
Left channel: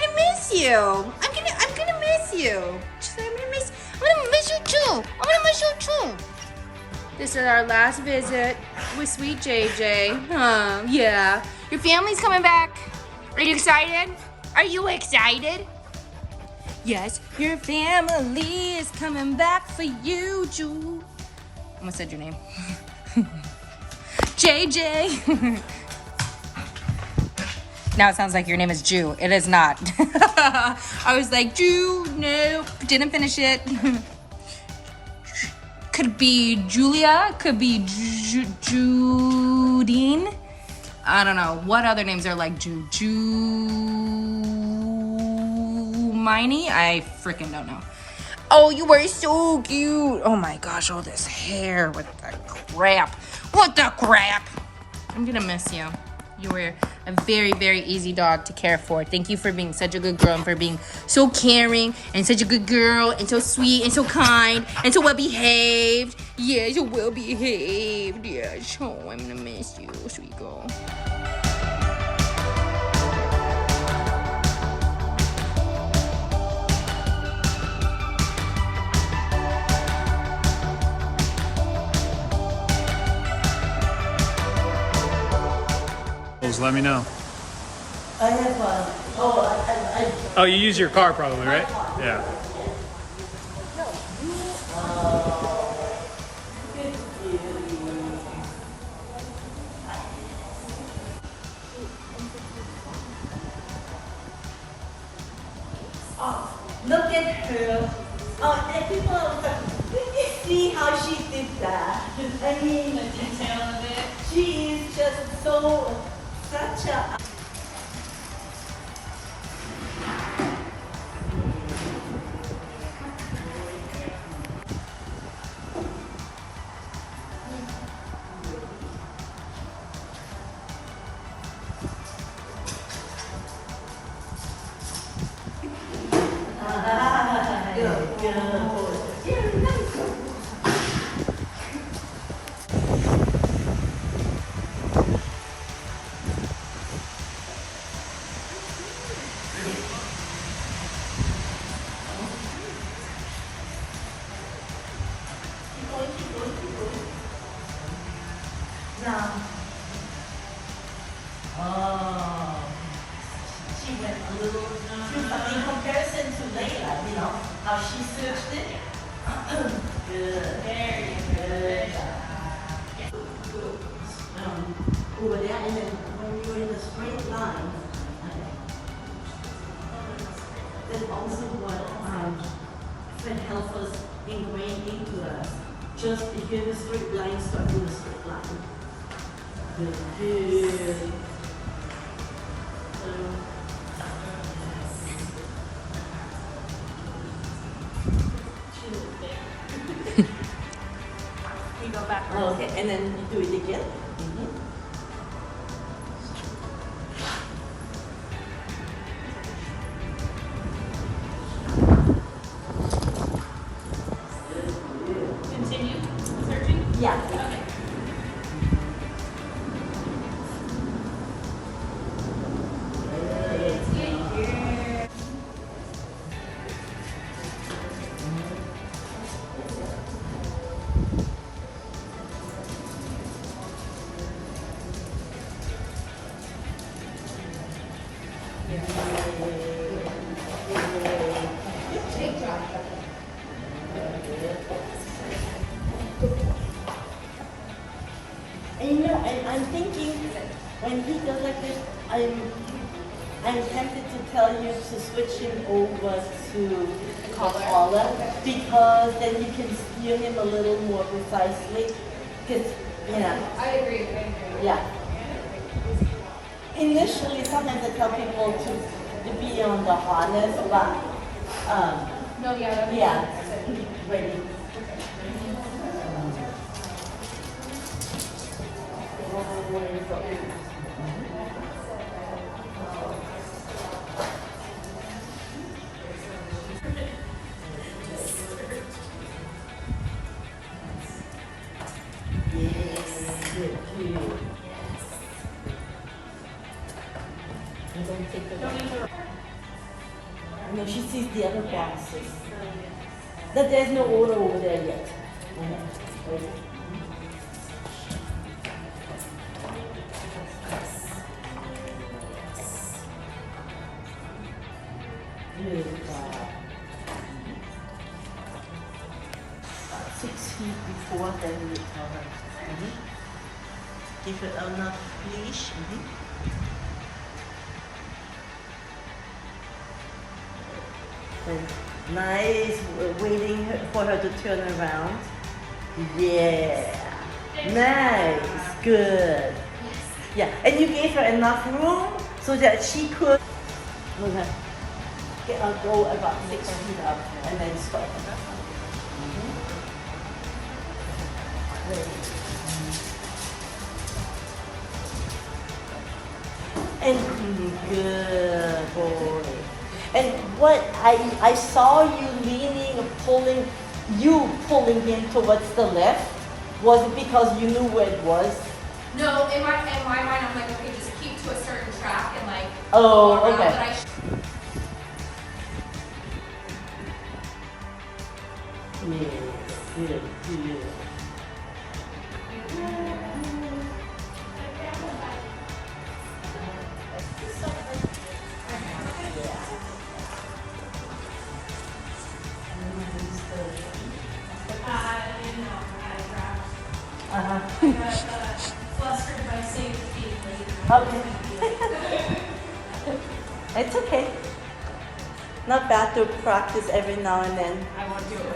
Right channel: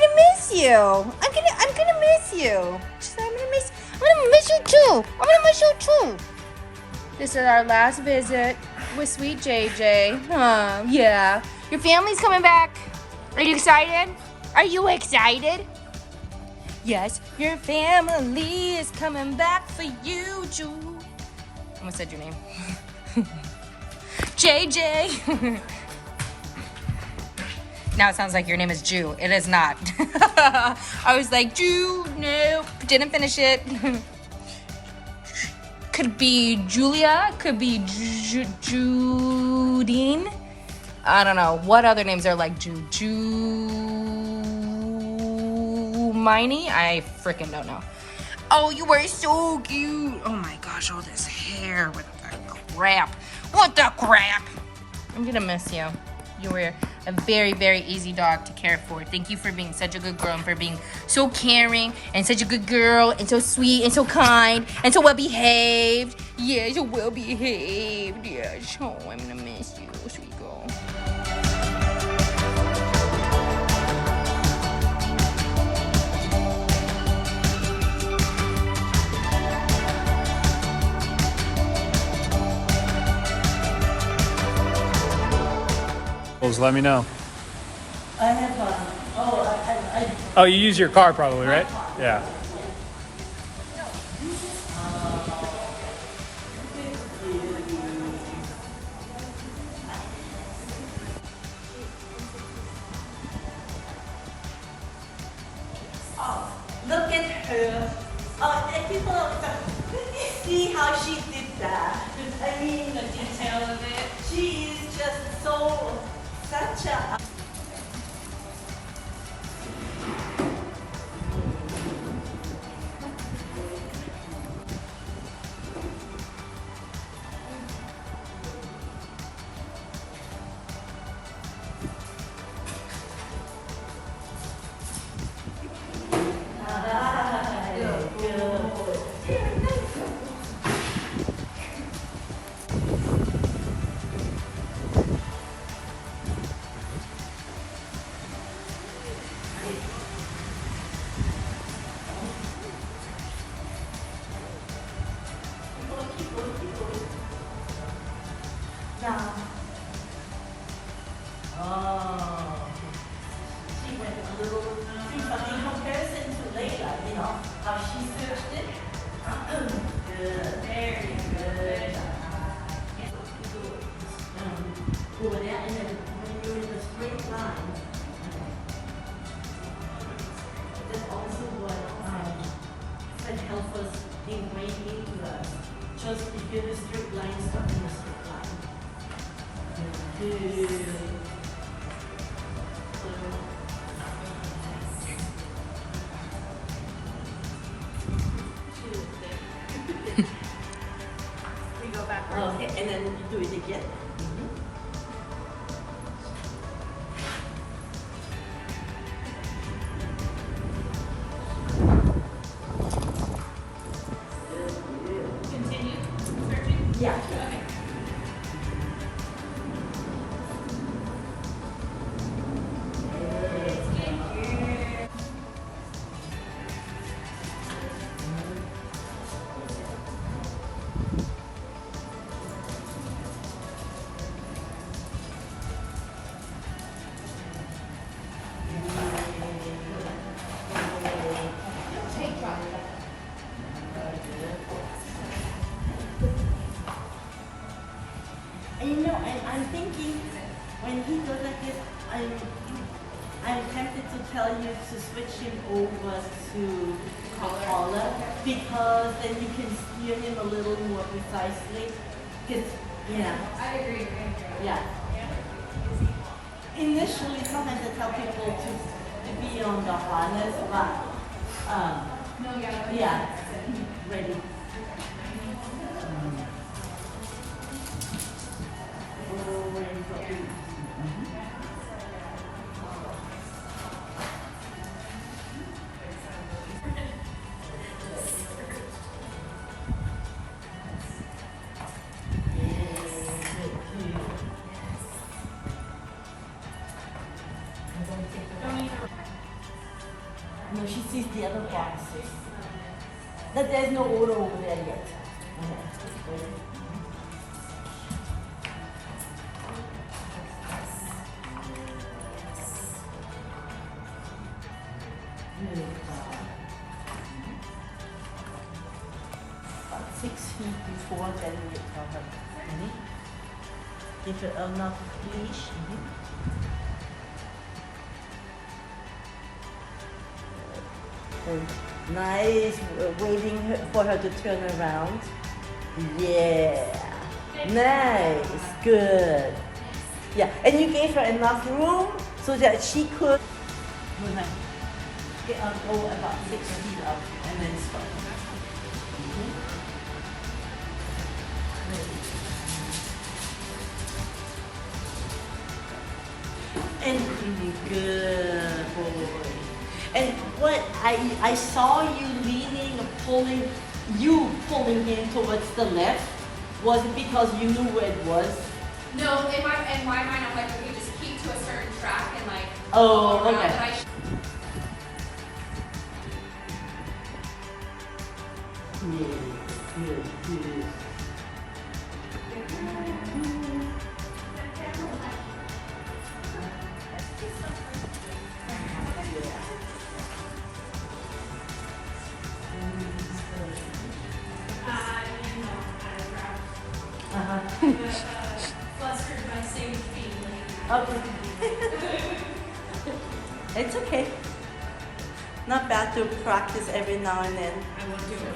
gonna miss you. I'm gonna miss you too. I'm gonna miss you too. This is our last visit with sweet JJ. Huh, yeah. Your family's coming back. Are you excited? Are you excited? Yes, your family is coming back for you, Ju. I almost said your name. JJ. Now it sounds like your name is Jew. It is not. I was like, Jew, no, didn't finish it. Could be Julia, could be Judine. I don't know. What other names are like Jew? Miney? I freaking don't know. Oh, you were so cute. Oh my gosh, all this hair. What the crap? What the crap? I'm gonna miss you. You were a very, very easy dog to care for. Thank you for being such a good girl and for being so caring and such a good girl and so sweet and so kind and so well behaved. Yeah, so well behaved. Yes. Oh, I'm gonna miss you, sweet girl. Let me know. I have Oh, you use your car probably, right? Yeah. look at her. And people are like, did you see how she did that? I mean, the detail of it. She is just such a. Now, she went a little, but in comparison to Layla, you know, how she searched it. Good. There you go. Over there, and then when you're in a straight line, then also what can help us ingrain into us. Just if you're in a straight line, start in a straight line. Good. he goes like this, I'm tempted to tell you to switch him over to taller because then you can steer him a little more precisely. Because, I agree. yeah. Initially, sometimes I tell people to be on the harness, but yeah, ready. No, she sees the other boxes. That there's no order over there yet. Wait. Good job. 6 feet before, then you tell her. Give her enough leash. Nice, waiting for her to turn around. Yeah, nice, good. Yeah, and you gave her enough room so that she could go about 6 feet up and then stop. And good boy. And what I saw you leaning, pulling him towards the left. Was it because you knew where it was? No, in my mind, I'm like, okay, just keep to a certain track and like. Oh, go around, okay. but Good. flustered by seeing feet. Okay. It's okay. Not bad to practice every now and then. I won't do it.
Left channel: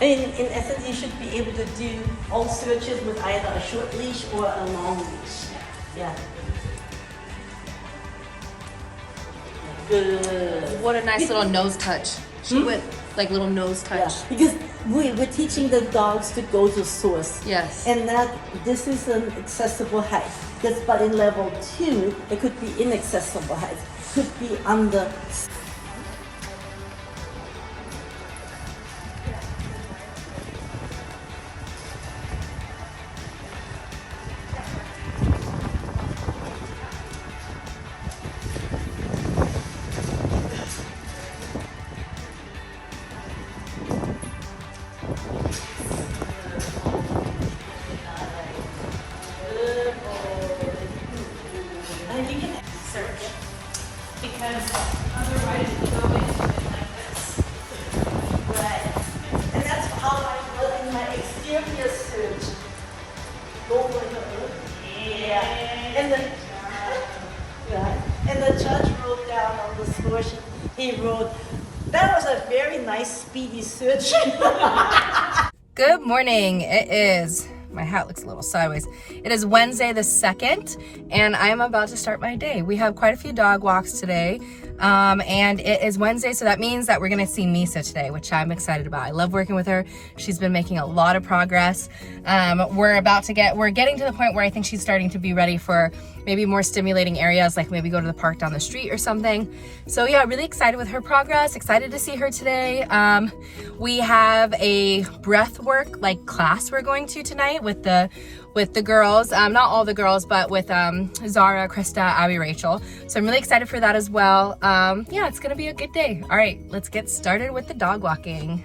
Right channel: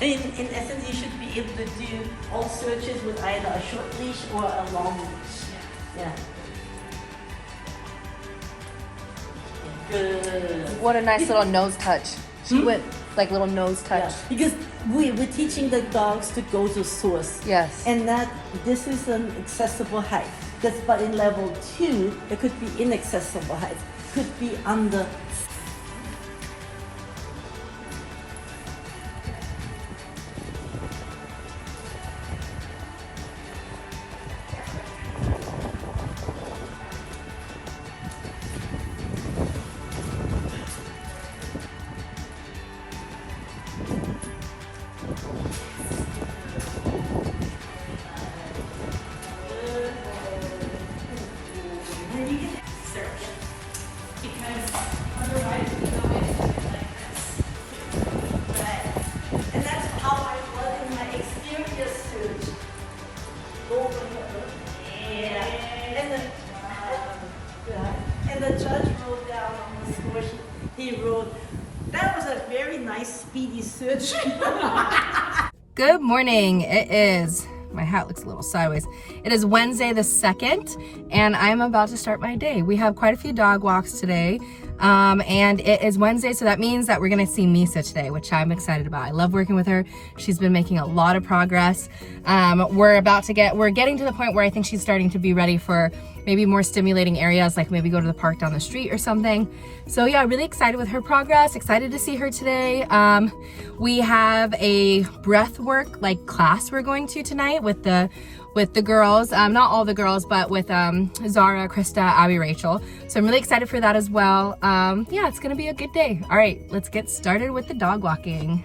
In essence, you should be able to do all searches with either a short leash or a long leash. Yeah. Good. What a nice little nose touch. She went like little nose touch. Yeah. Because we're teaching the dogs to go to source. Yes. And this is an accessible height. But in level 2, it could be inaccessible height. Could be under. Because otherwise we go into it like this. Right. And that's how I work in my exterior suit. Yeah. And the judge wrote down on the score sheet, he wrote, that was a very nice speedy search. Good morning. It is, my hat looks a little sideways. It is Wednesday the 2nd, and I'm about to start my day. We have quite a few dog walks today, and it is Wednesday, so that means that we're gonna see Miso today, which I'm excited about. I love working with her. She's been making a lot of progress. We're getting to the point where I think she's starting to be ready for maybe more stimulating areas, like maybe go to the park down the street or something. So yeah, really excited with her progress, excited to see her today. We have a breath work class we're going to tonight with the girls, not all the girls, but with Zara, Krista, Abby, Rachel. So I'm really excited for that as well. Yeah, it's gonna be a good day. All right, let's get started with the dog walking.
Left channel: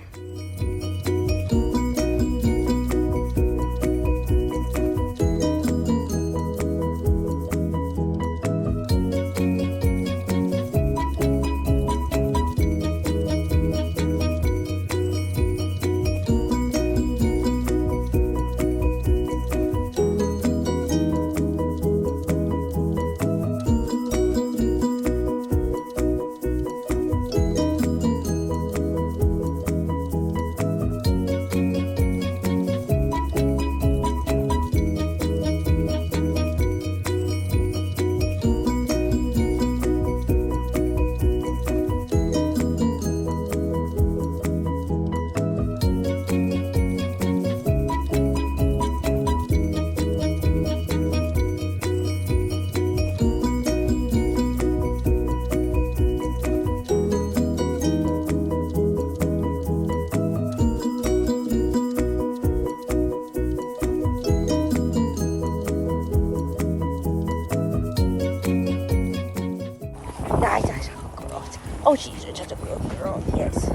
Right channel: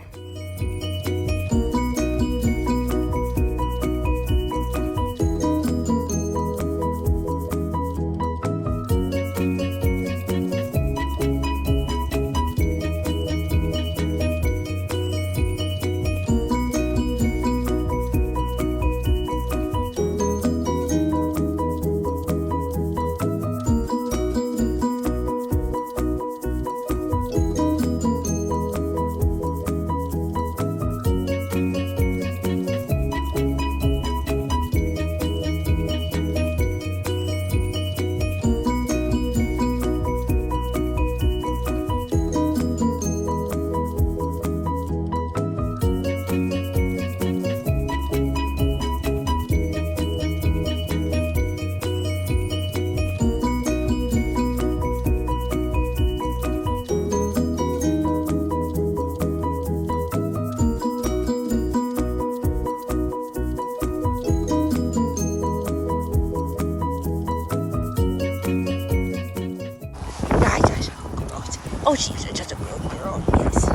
Oh, she's just a good girl, yes.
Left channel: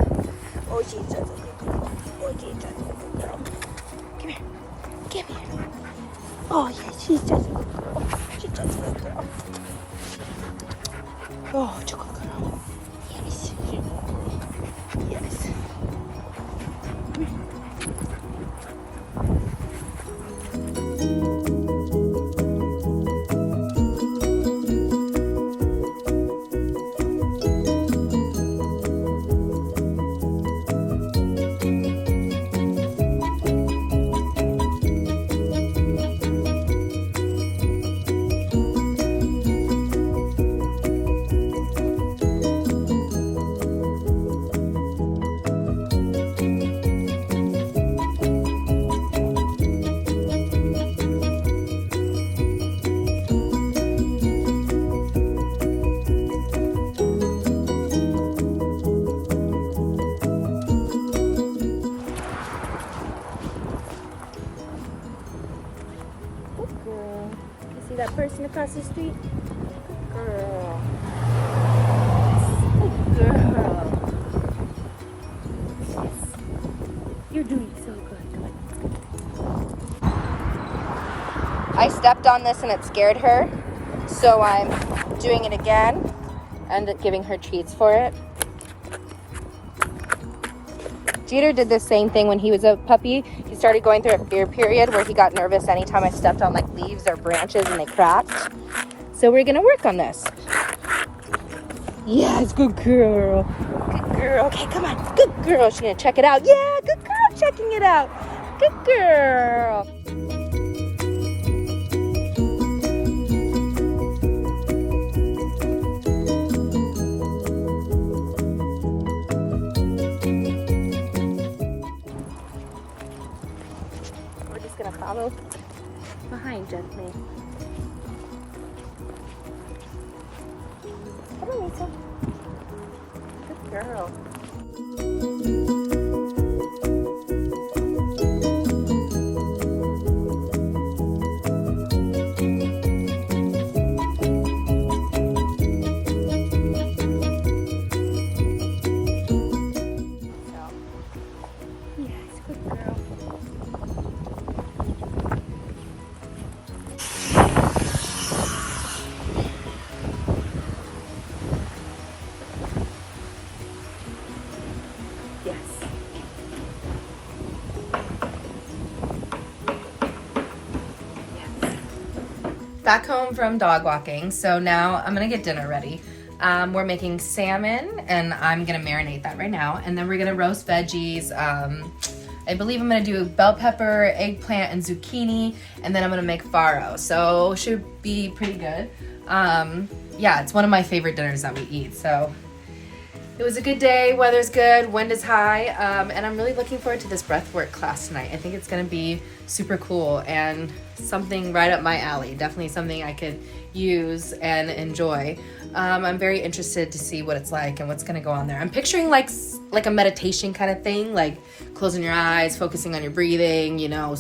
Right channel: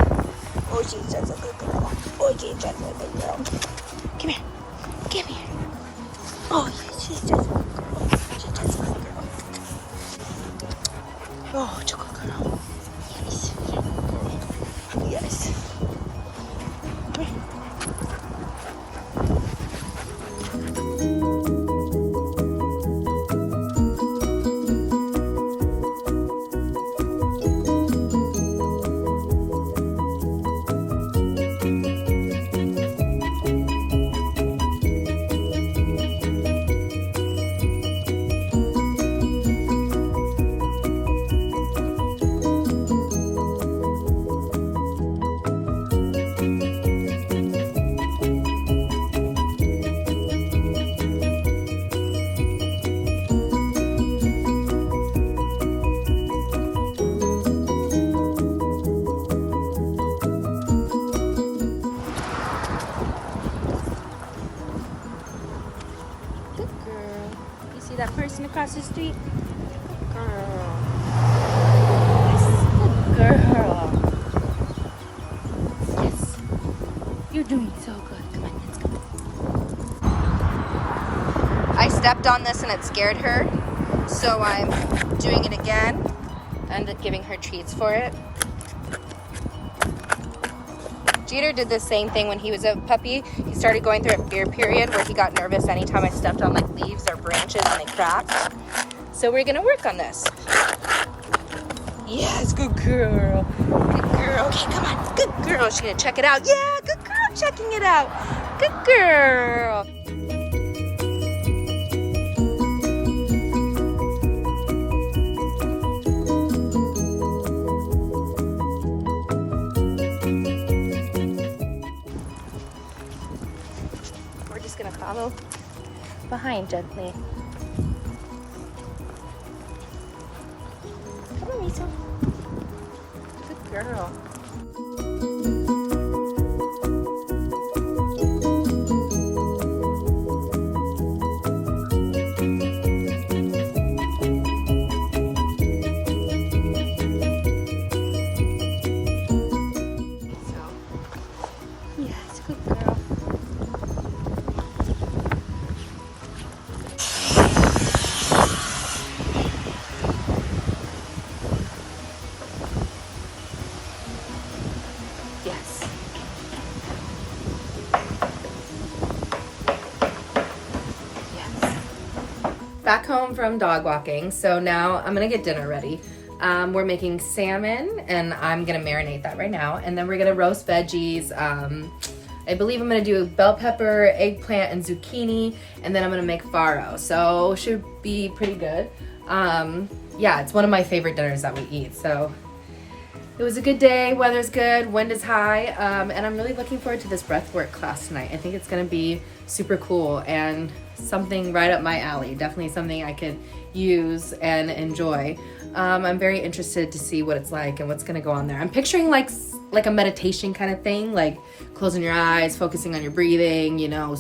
Oh, she's just a good girl. Oh, she's just a good girl. Come here. Come here. Oh, yes, she's just a good girl. She's just a good girl. Oh, she's a good girl. Yes, she's a good girl. Yes. Come here. Good girl. You see that person across the street? Good girl. Yes, good girl. Yes. You're doing so good. Come on, let's go. I stepped on this and it scared her, so I'm doing it again and giving her treats for it. Jeter did the same thing when he was a puppy. He started going through a fear period where he got nervous anytime I stepped on like leaves or branches and they cracked. So we're gonna work on this. Yes, good girl. Good girl. Okay, come on. Good girl. She's gonna check it out. Yeah, good girl checking it out. Good girl. We're just gonna follow behind gently. Come on, Miso. Good girl. So, yes, good girl. Yes. Yes. Back home from dog walking, so now I'm gonna get dinner ready. We're making salmon, and I'm gonna marinate that right now, and then we're gonna roast veggies. I believe I'm gonna do bell pepper, eggplant, and zucchini, and then I'm gonna make farro, so should be pretty good. Yeah, it's one of my favorite dinners that we eat, so it was a good day, weather's good, wind is high, and I'm really looking forward to this breathwork class tonight. I think it's gonna be super cool and something right up my alley. Definitely something I could use and enjoy. I'm very interested to see what it's like and what's gonna go on there. I'm picturing like a meditation kind of thing, like closing your eyes, focusing on your breathing, you know,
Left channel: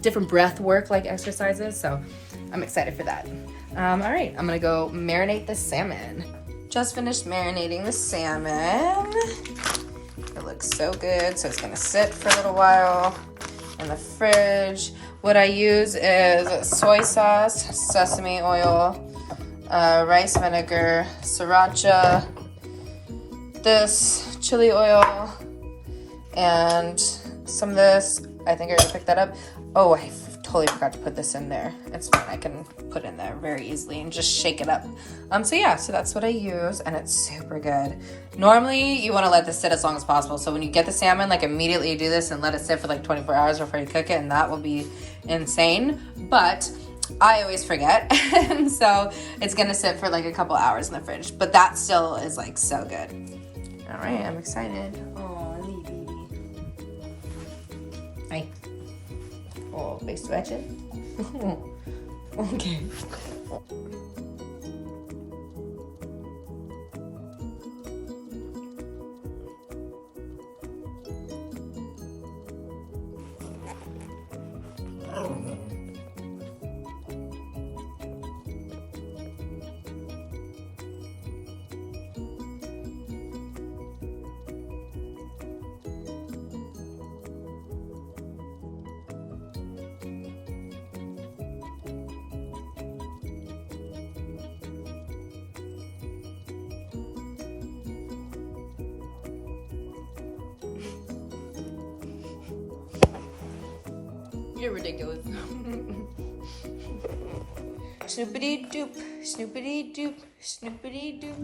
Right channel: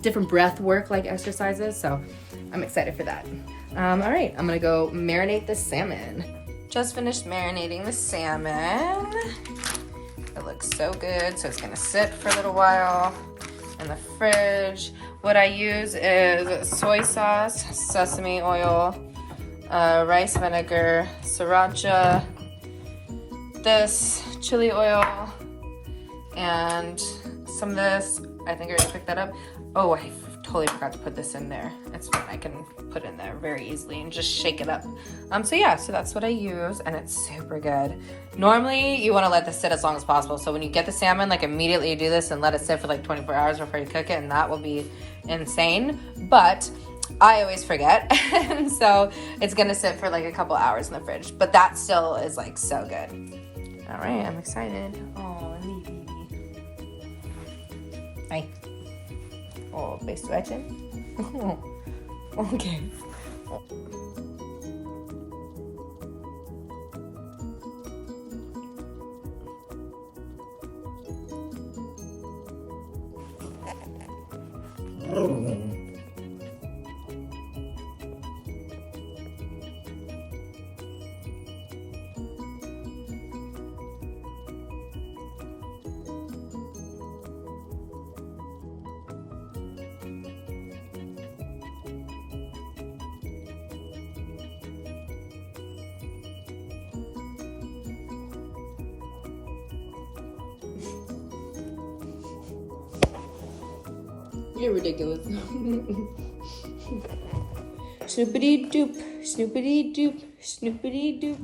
different breath work like exercises. So I'm excited for that. All right, I'm gonna go marinate the salmon. Just finished marinating the salmon. It looks so good, so it's gonna sit for a little while in the fridge. What I use is soy sauce, sesame oil, rice vinegar, sriracha, this chili oil, and some of this. I think I already picked that up. Oh, I totally forgot to put this in there. It's fine, I can put in there very easily and just shake it up. So yeah, so that's what I use, and it's super good. Normally, you wanna let this sit as long as possible. So when you get the salmon, like immediately you do this and let it sit for like 24 hours before you cook it, and that will be insane. But I always forget, and so it's gonna sit for like a couple hours in the fridge. But that still is like so good. All right, I'm excited. Oh, baby. Hi. Oh, bist du ätchen? Okay. ridiculous. Snoopity doop, snoopity doop, snoopity doop.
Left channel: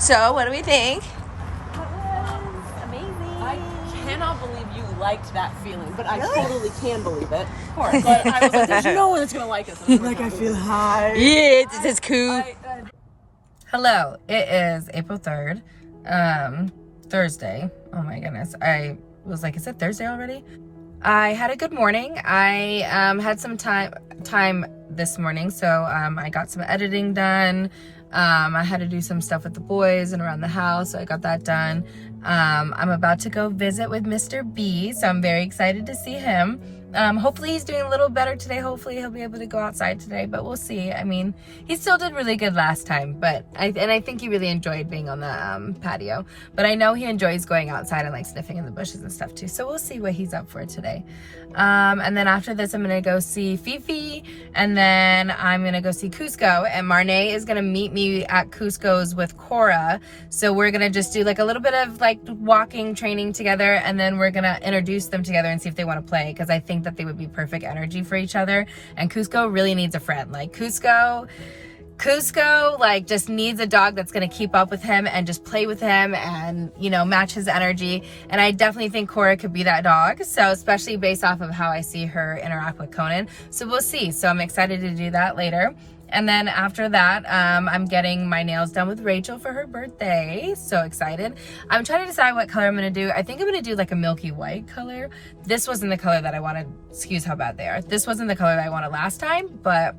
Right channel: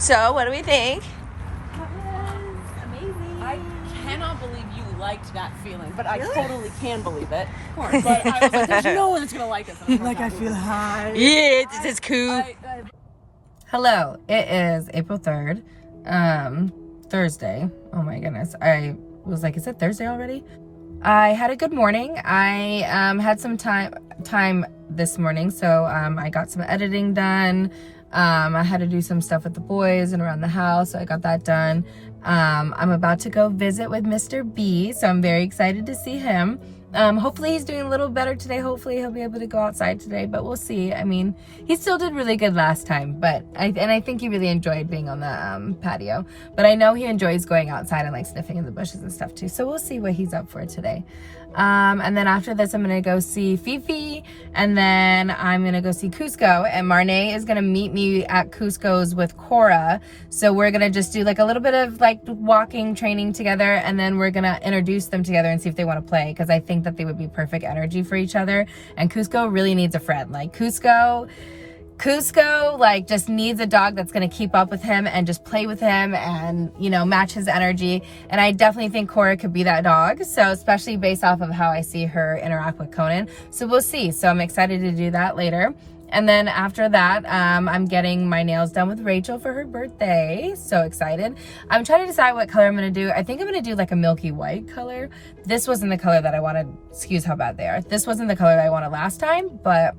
So, what do we think? I cannot believe you liked that feeling, but I totally can believe it. Of course. But I was like, there's no one that's gonna like us. Like, I feel high. Yeah, it's just cool. Hello, it is April 3rd, Thursday. Oh my goodness. I was like, is it Thursday already? I had a good morning. I had some time this morning, so I got some editing done. I had to do some stuff with the boys and around the house, so I got that done. I'm about to go visit with Mr. B, so I'm very excited to see him. Hopefully he's doing a little better today. Hopefully he'll be able to go outside today, but we'll see. I mean, he still did really good last time, but I think he really enjoyed being on the patio. But I know he enjoys going outside and like sniffing in the bushes and stuff too. So we'll see what he's up for today. And then after this, I'm gonna go see Fifi, and then I'm gonna go see Cusco, and Marnay is gonna meet me at Cusco's with Cora. So we're gonna just do like a little bit of like walking training together, and then we're gonna introduce them together and see if they want to play, because I think that they would be perfect energy for each other. And Cusco really needs a friend. Like Cusco like just needs a dog that's going to keep up with him and just play with him and, you know, match his energy. And I definitely think Cora could be that dog. So especially based off of how I see her interact with Conan. So we'll see. So I'm excited to do that later. And then after that, I'm getting my nails done with Rachel for her birthday. So excited. I'm trying to decide what color I'm going to do. I think I'm going to do like a milky white color. This wasn't the color that I wanted. Excuse how bad they are. This wasn't the color that I wanted last time, but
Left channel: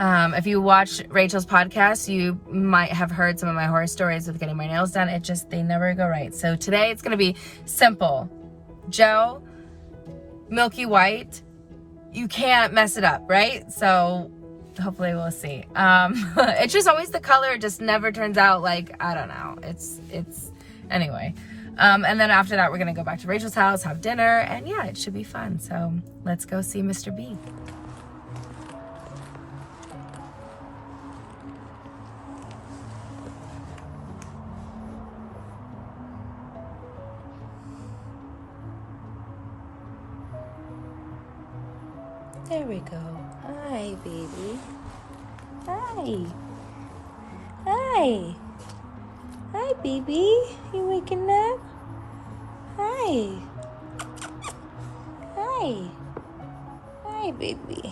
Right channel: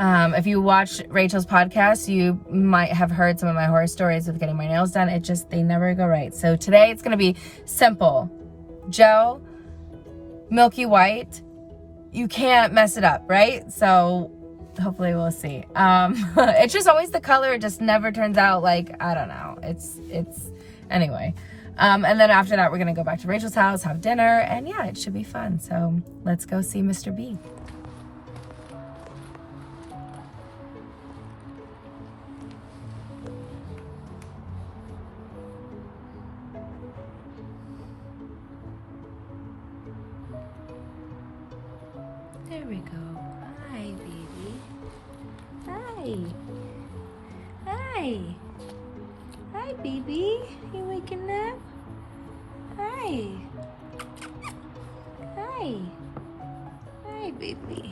if you watch Rachel's podcast, you might have heard some of my horror stories with getting my nails done. They never go right. So today it's going to be simple. Gel, milky white. You can't mess it up, right? So hopefully we'll see. It's just always the color. It just never turns out like, I don't know. It's anyway. And then after that, we're going to go back to Rachel's house, have dinner, and yeah, it should be fun. So let's go see Mr. B. There we go. Hi, baby. Hi. Hi. Hi, baby. You waking up? Hi. Hi. Hi, baby.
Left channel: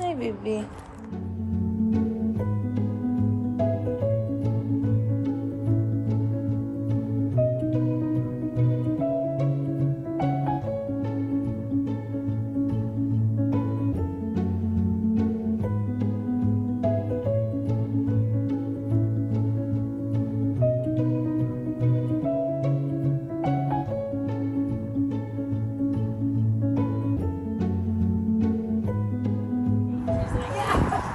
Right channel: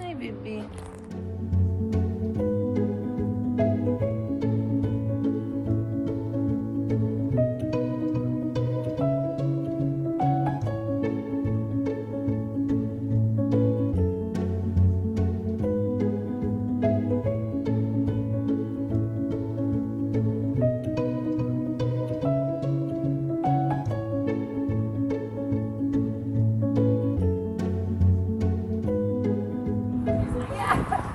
Hi, baby.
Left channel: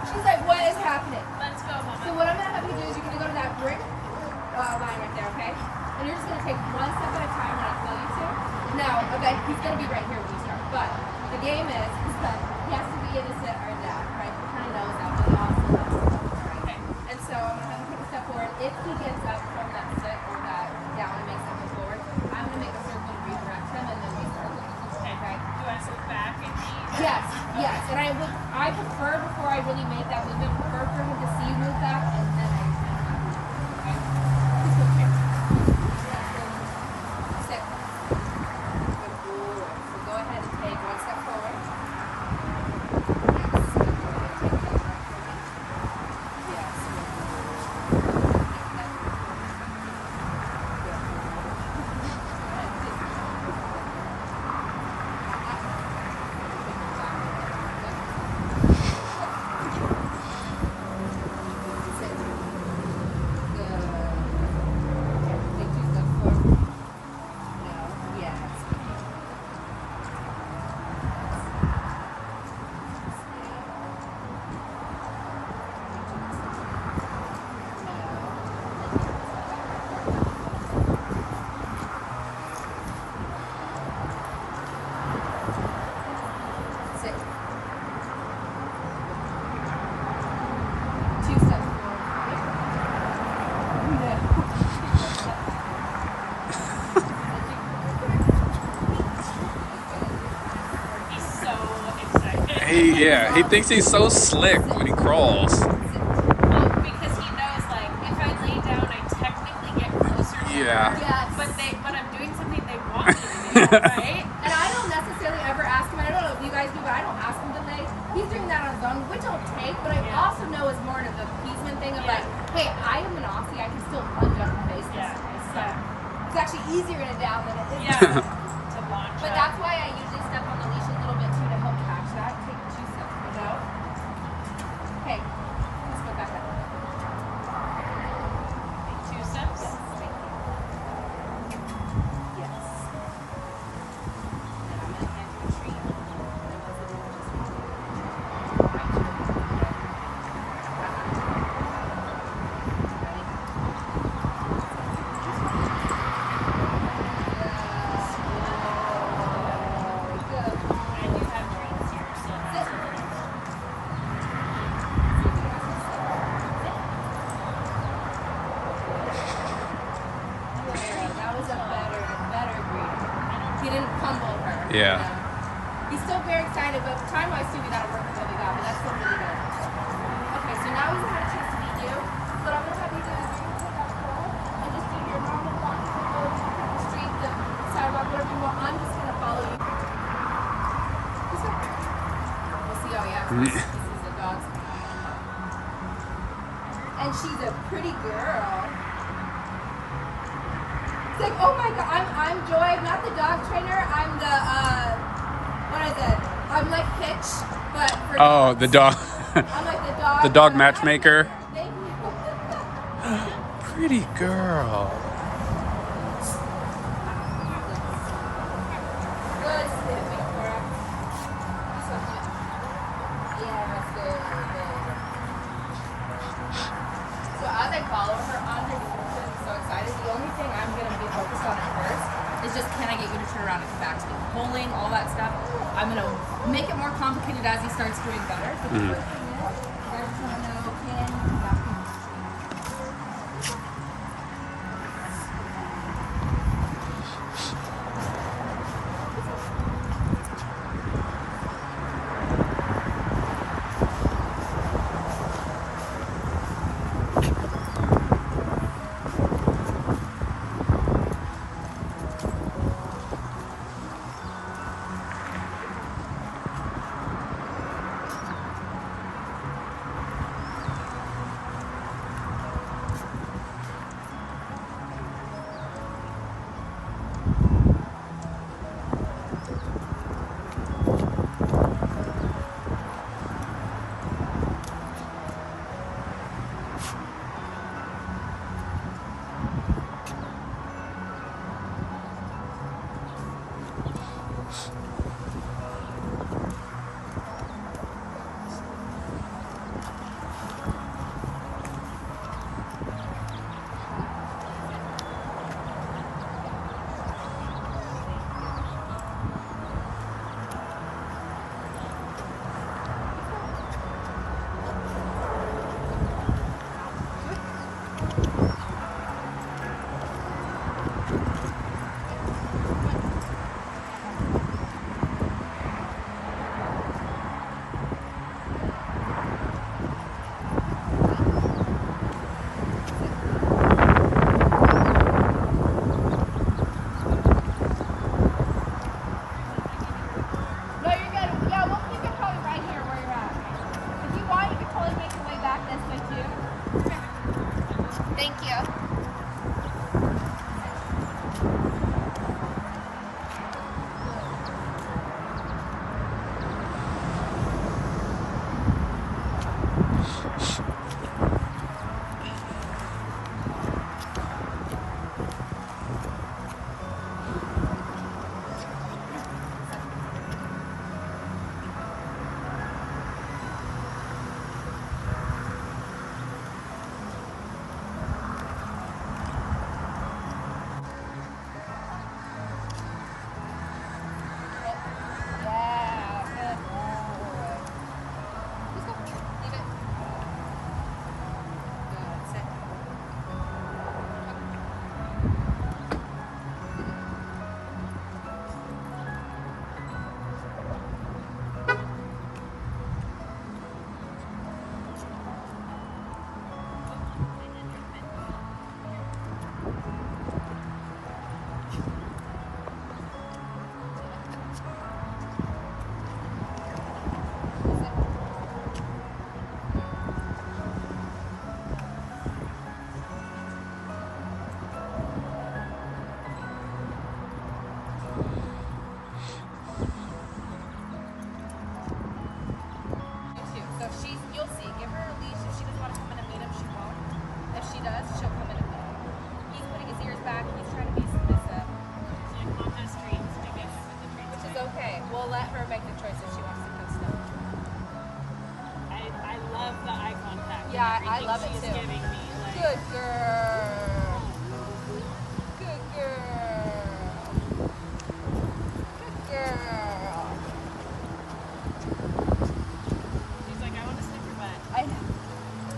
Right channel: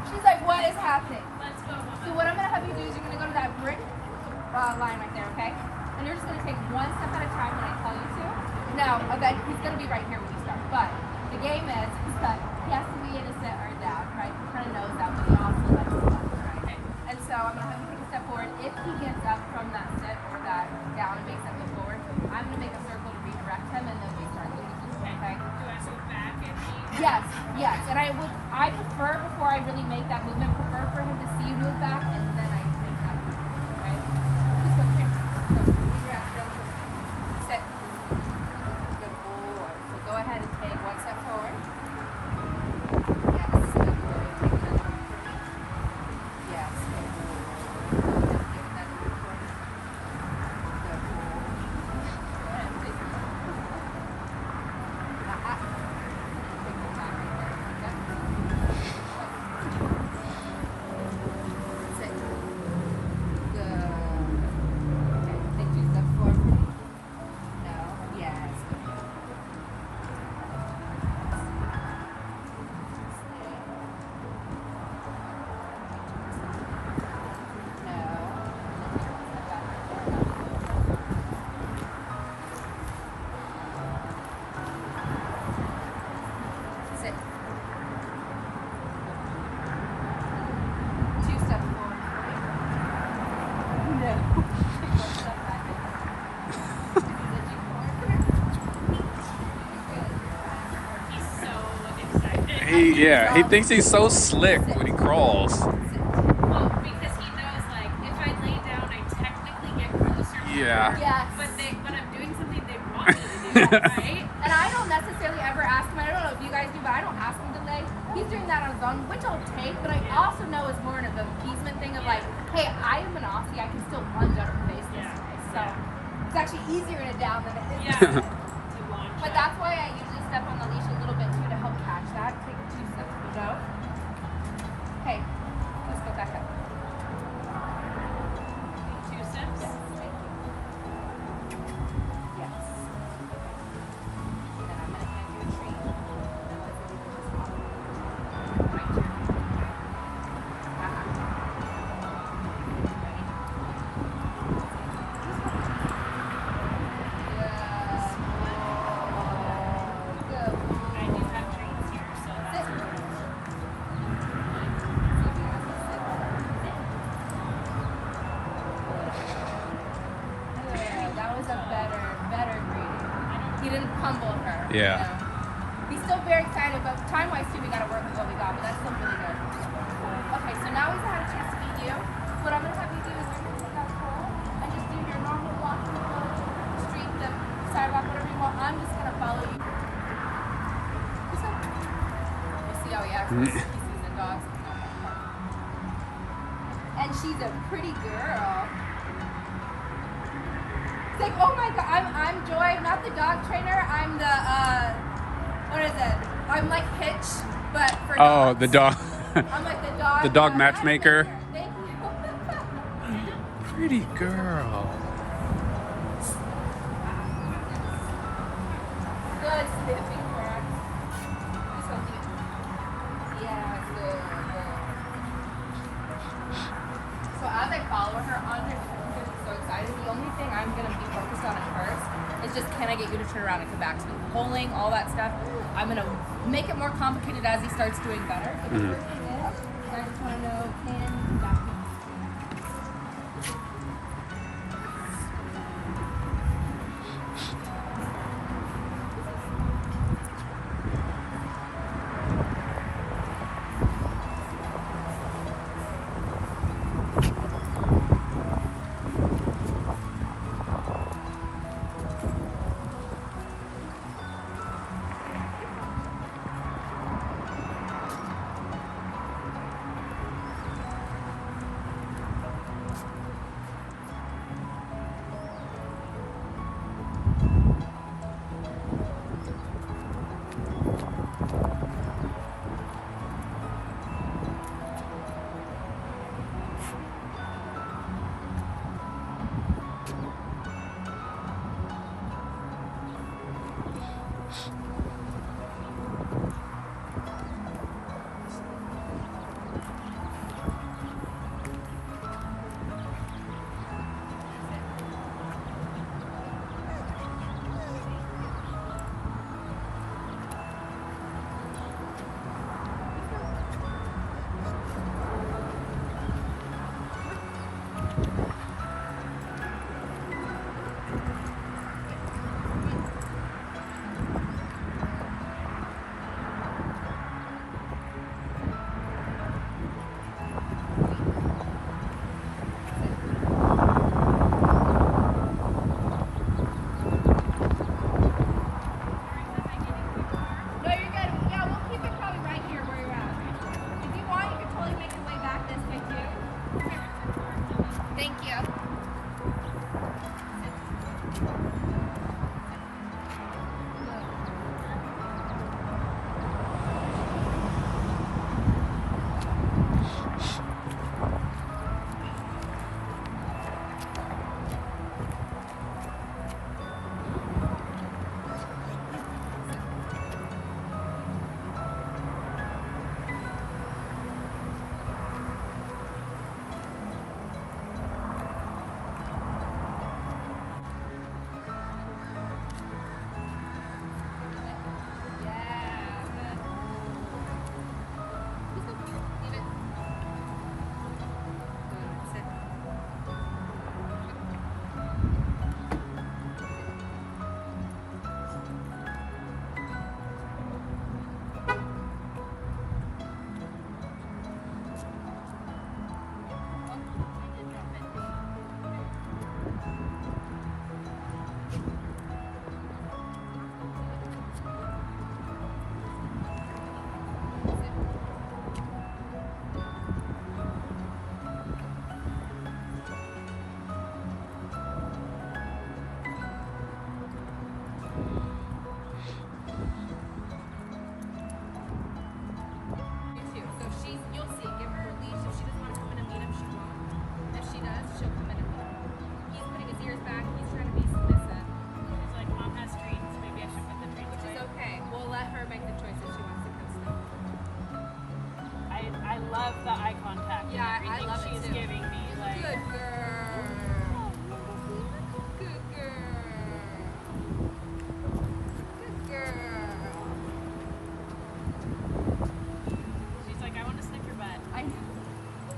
She's like, what is happening? Let's go, Mama. So what I'm gonna have you do is you're gonna go to that brick line right there, okay? And you're just gonna take one step at a time when I tell you to. Now, okay, he's gonna be right here when you start. But the game is that he has to be in a sit or a down, right? He kind of knows that, but he also knows the left, right? Okay. And so I'm gonna have him take a step forward. If he gets up from that sit or that down and makes that move forward, I'm gonna make a circle to redirect him, and then we start looking. Okay? Do you want to go back and Yes, yes. And I prefer, before I really make that movement, prefer for him to see you move back, and then I make that move. Okay? Okay. Sit. Good boy. So go ahead and take one step forward. Yes. He thinks he's so slick when he crawls. Well, because he knows, like, if I lay down, I technically get closer to Yeah. her. Yes. But I'm doing something they want me to do, right? And I don't necessarily ever ask him. I don't know if you guys do, but I don't ask him to lay. He's doing that on his own, which I'll take. But I also know it's more of the appeasement thing of like, hey, I am an Aussie. I can still lunge up and face this way. So it's actually easier in a down than it is to launch. But that's why I usually step on the leash a little bit too to help catch that. Take 2 steps. Go. Okay. Let's go back up. 2 steps? Yes. Thank you. Yes. Then I'm going to hand you a treat. He didn't pummel her. Yeah. He's still very excited, but time-wise too, we gotta work with what we got, but that's still really good. Okay, so now we've had a chance to meet you. What I'm gonna have you do is take that pole and just do your normal walking approach, the street, the sidewalk, whatever you want. I'm just gonna follow you. This way. We'll see how he acts. He sees the dogs. And she's a pretty girl. It's like, oh my god, I'm Joy, not the dog trainer. I'm the what is it? I'm like Pitch, but for Oh, dogs. the dog. I'm like the dog. The dog matchmaker. Thank you. Pretty girl. Good sniffing, crap. This one's good. Yes, good. So as I follow her underneath, I'm so excited. The only thing I'm gonna be focused on at first is just, can I get you to turn around and come back to me? Pulling, all that stuff. I'm gonna make it more complicated as he starts doing better. But the first thing is, I just wanna know, can you come back to me?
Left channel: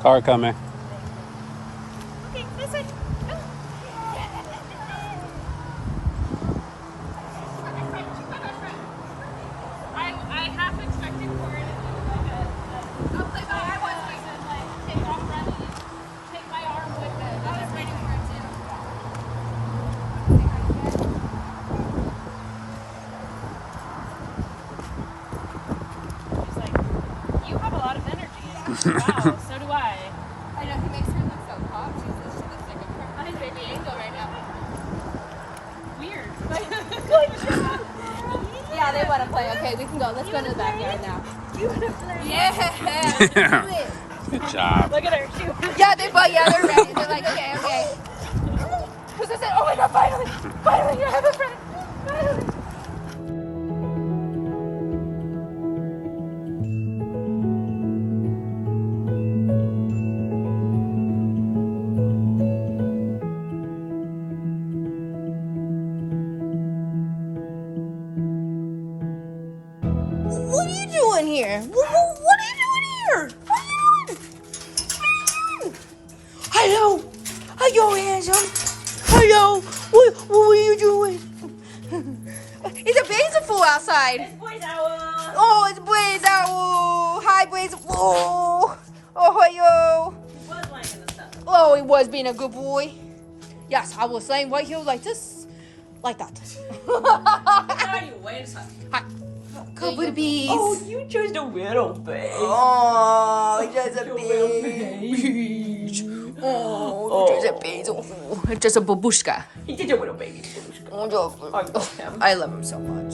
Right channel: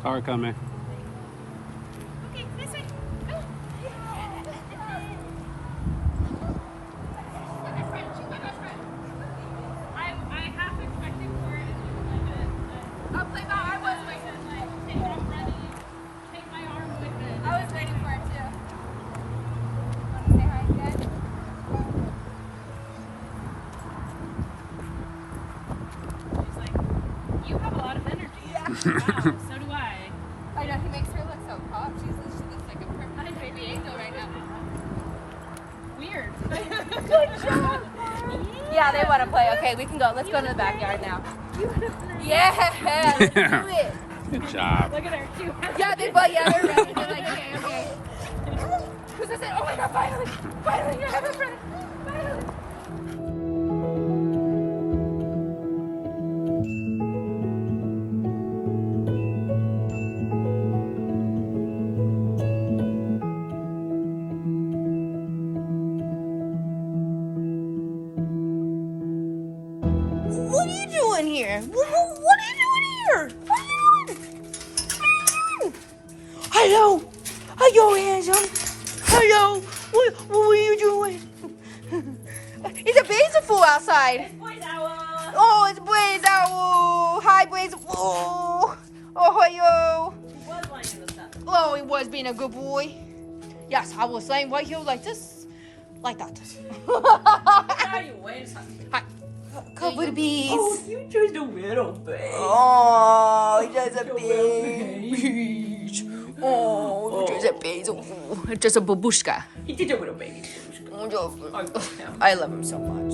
Car coming. Okay, this way. I half expected Corey to I'll play I was waiting for it. Take my arm with it. I was waiting for it too. You have a lot of energy. Wow, so do I. I know, he makes her look so pop. She looks like a perfect baby angel right now. Weird. Good job. Yeah, they want to play. Okay, we can go. Let's go in the backyard now. Yeah. Good job. Look at her. Yeah, they're ready. They're like, okay. Who's this? Oh my God, finally, you have a friend. Finally. What are you doing here? What are you doing here? What are you doing? Hello. Hello, handsome. Hello. What are you doing? It's a beautiful outside. Oh, it's Blaze Owl. Hi, Blaze. Oh, hello. Oh, he was being a good boy. Yes, I was laying right here like this. Like that. Hi. Cover bees. Oh, you chose the little baby. Oh, just a baby. Oh, just a baby. Oh, just a babushka. He's just a little baby. I love him so much.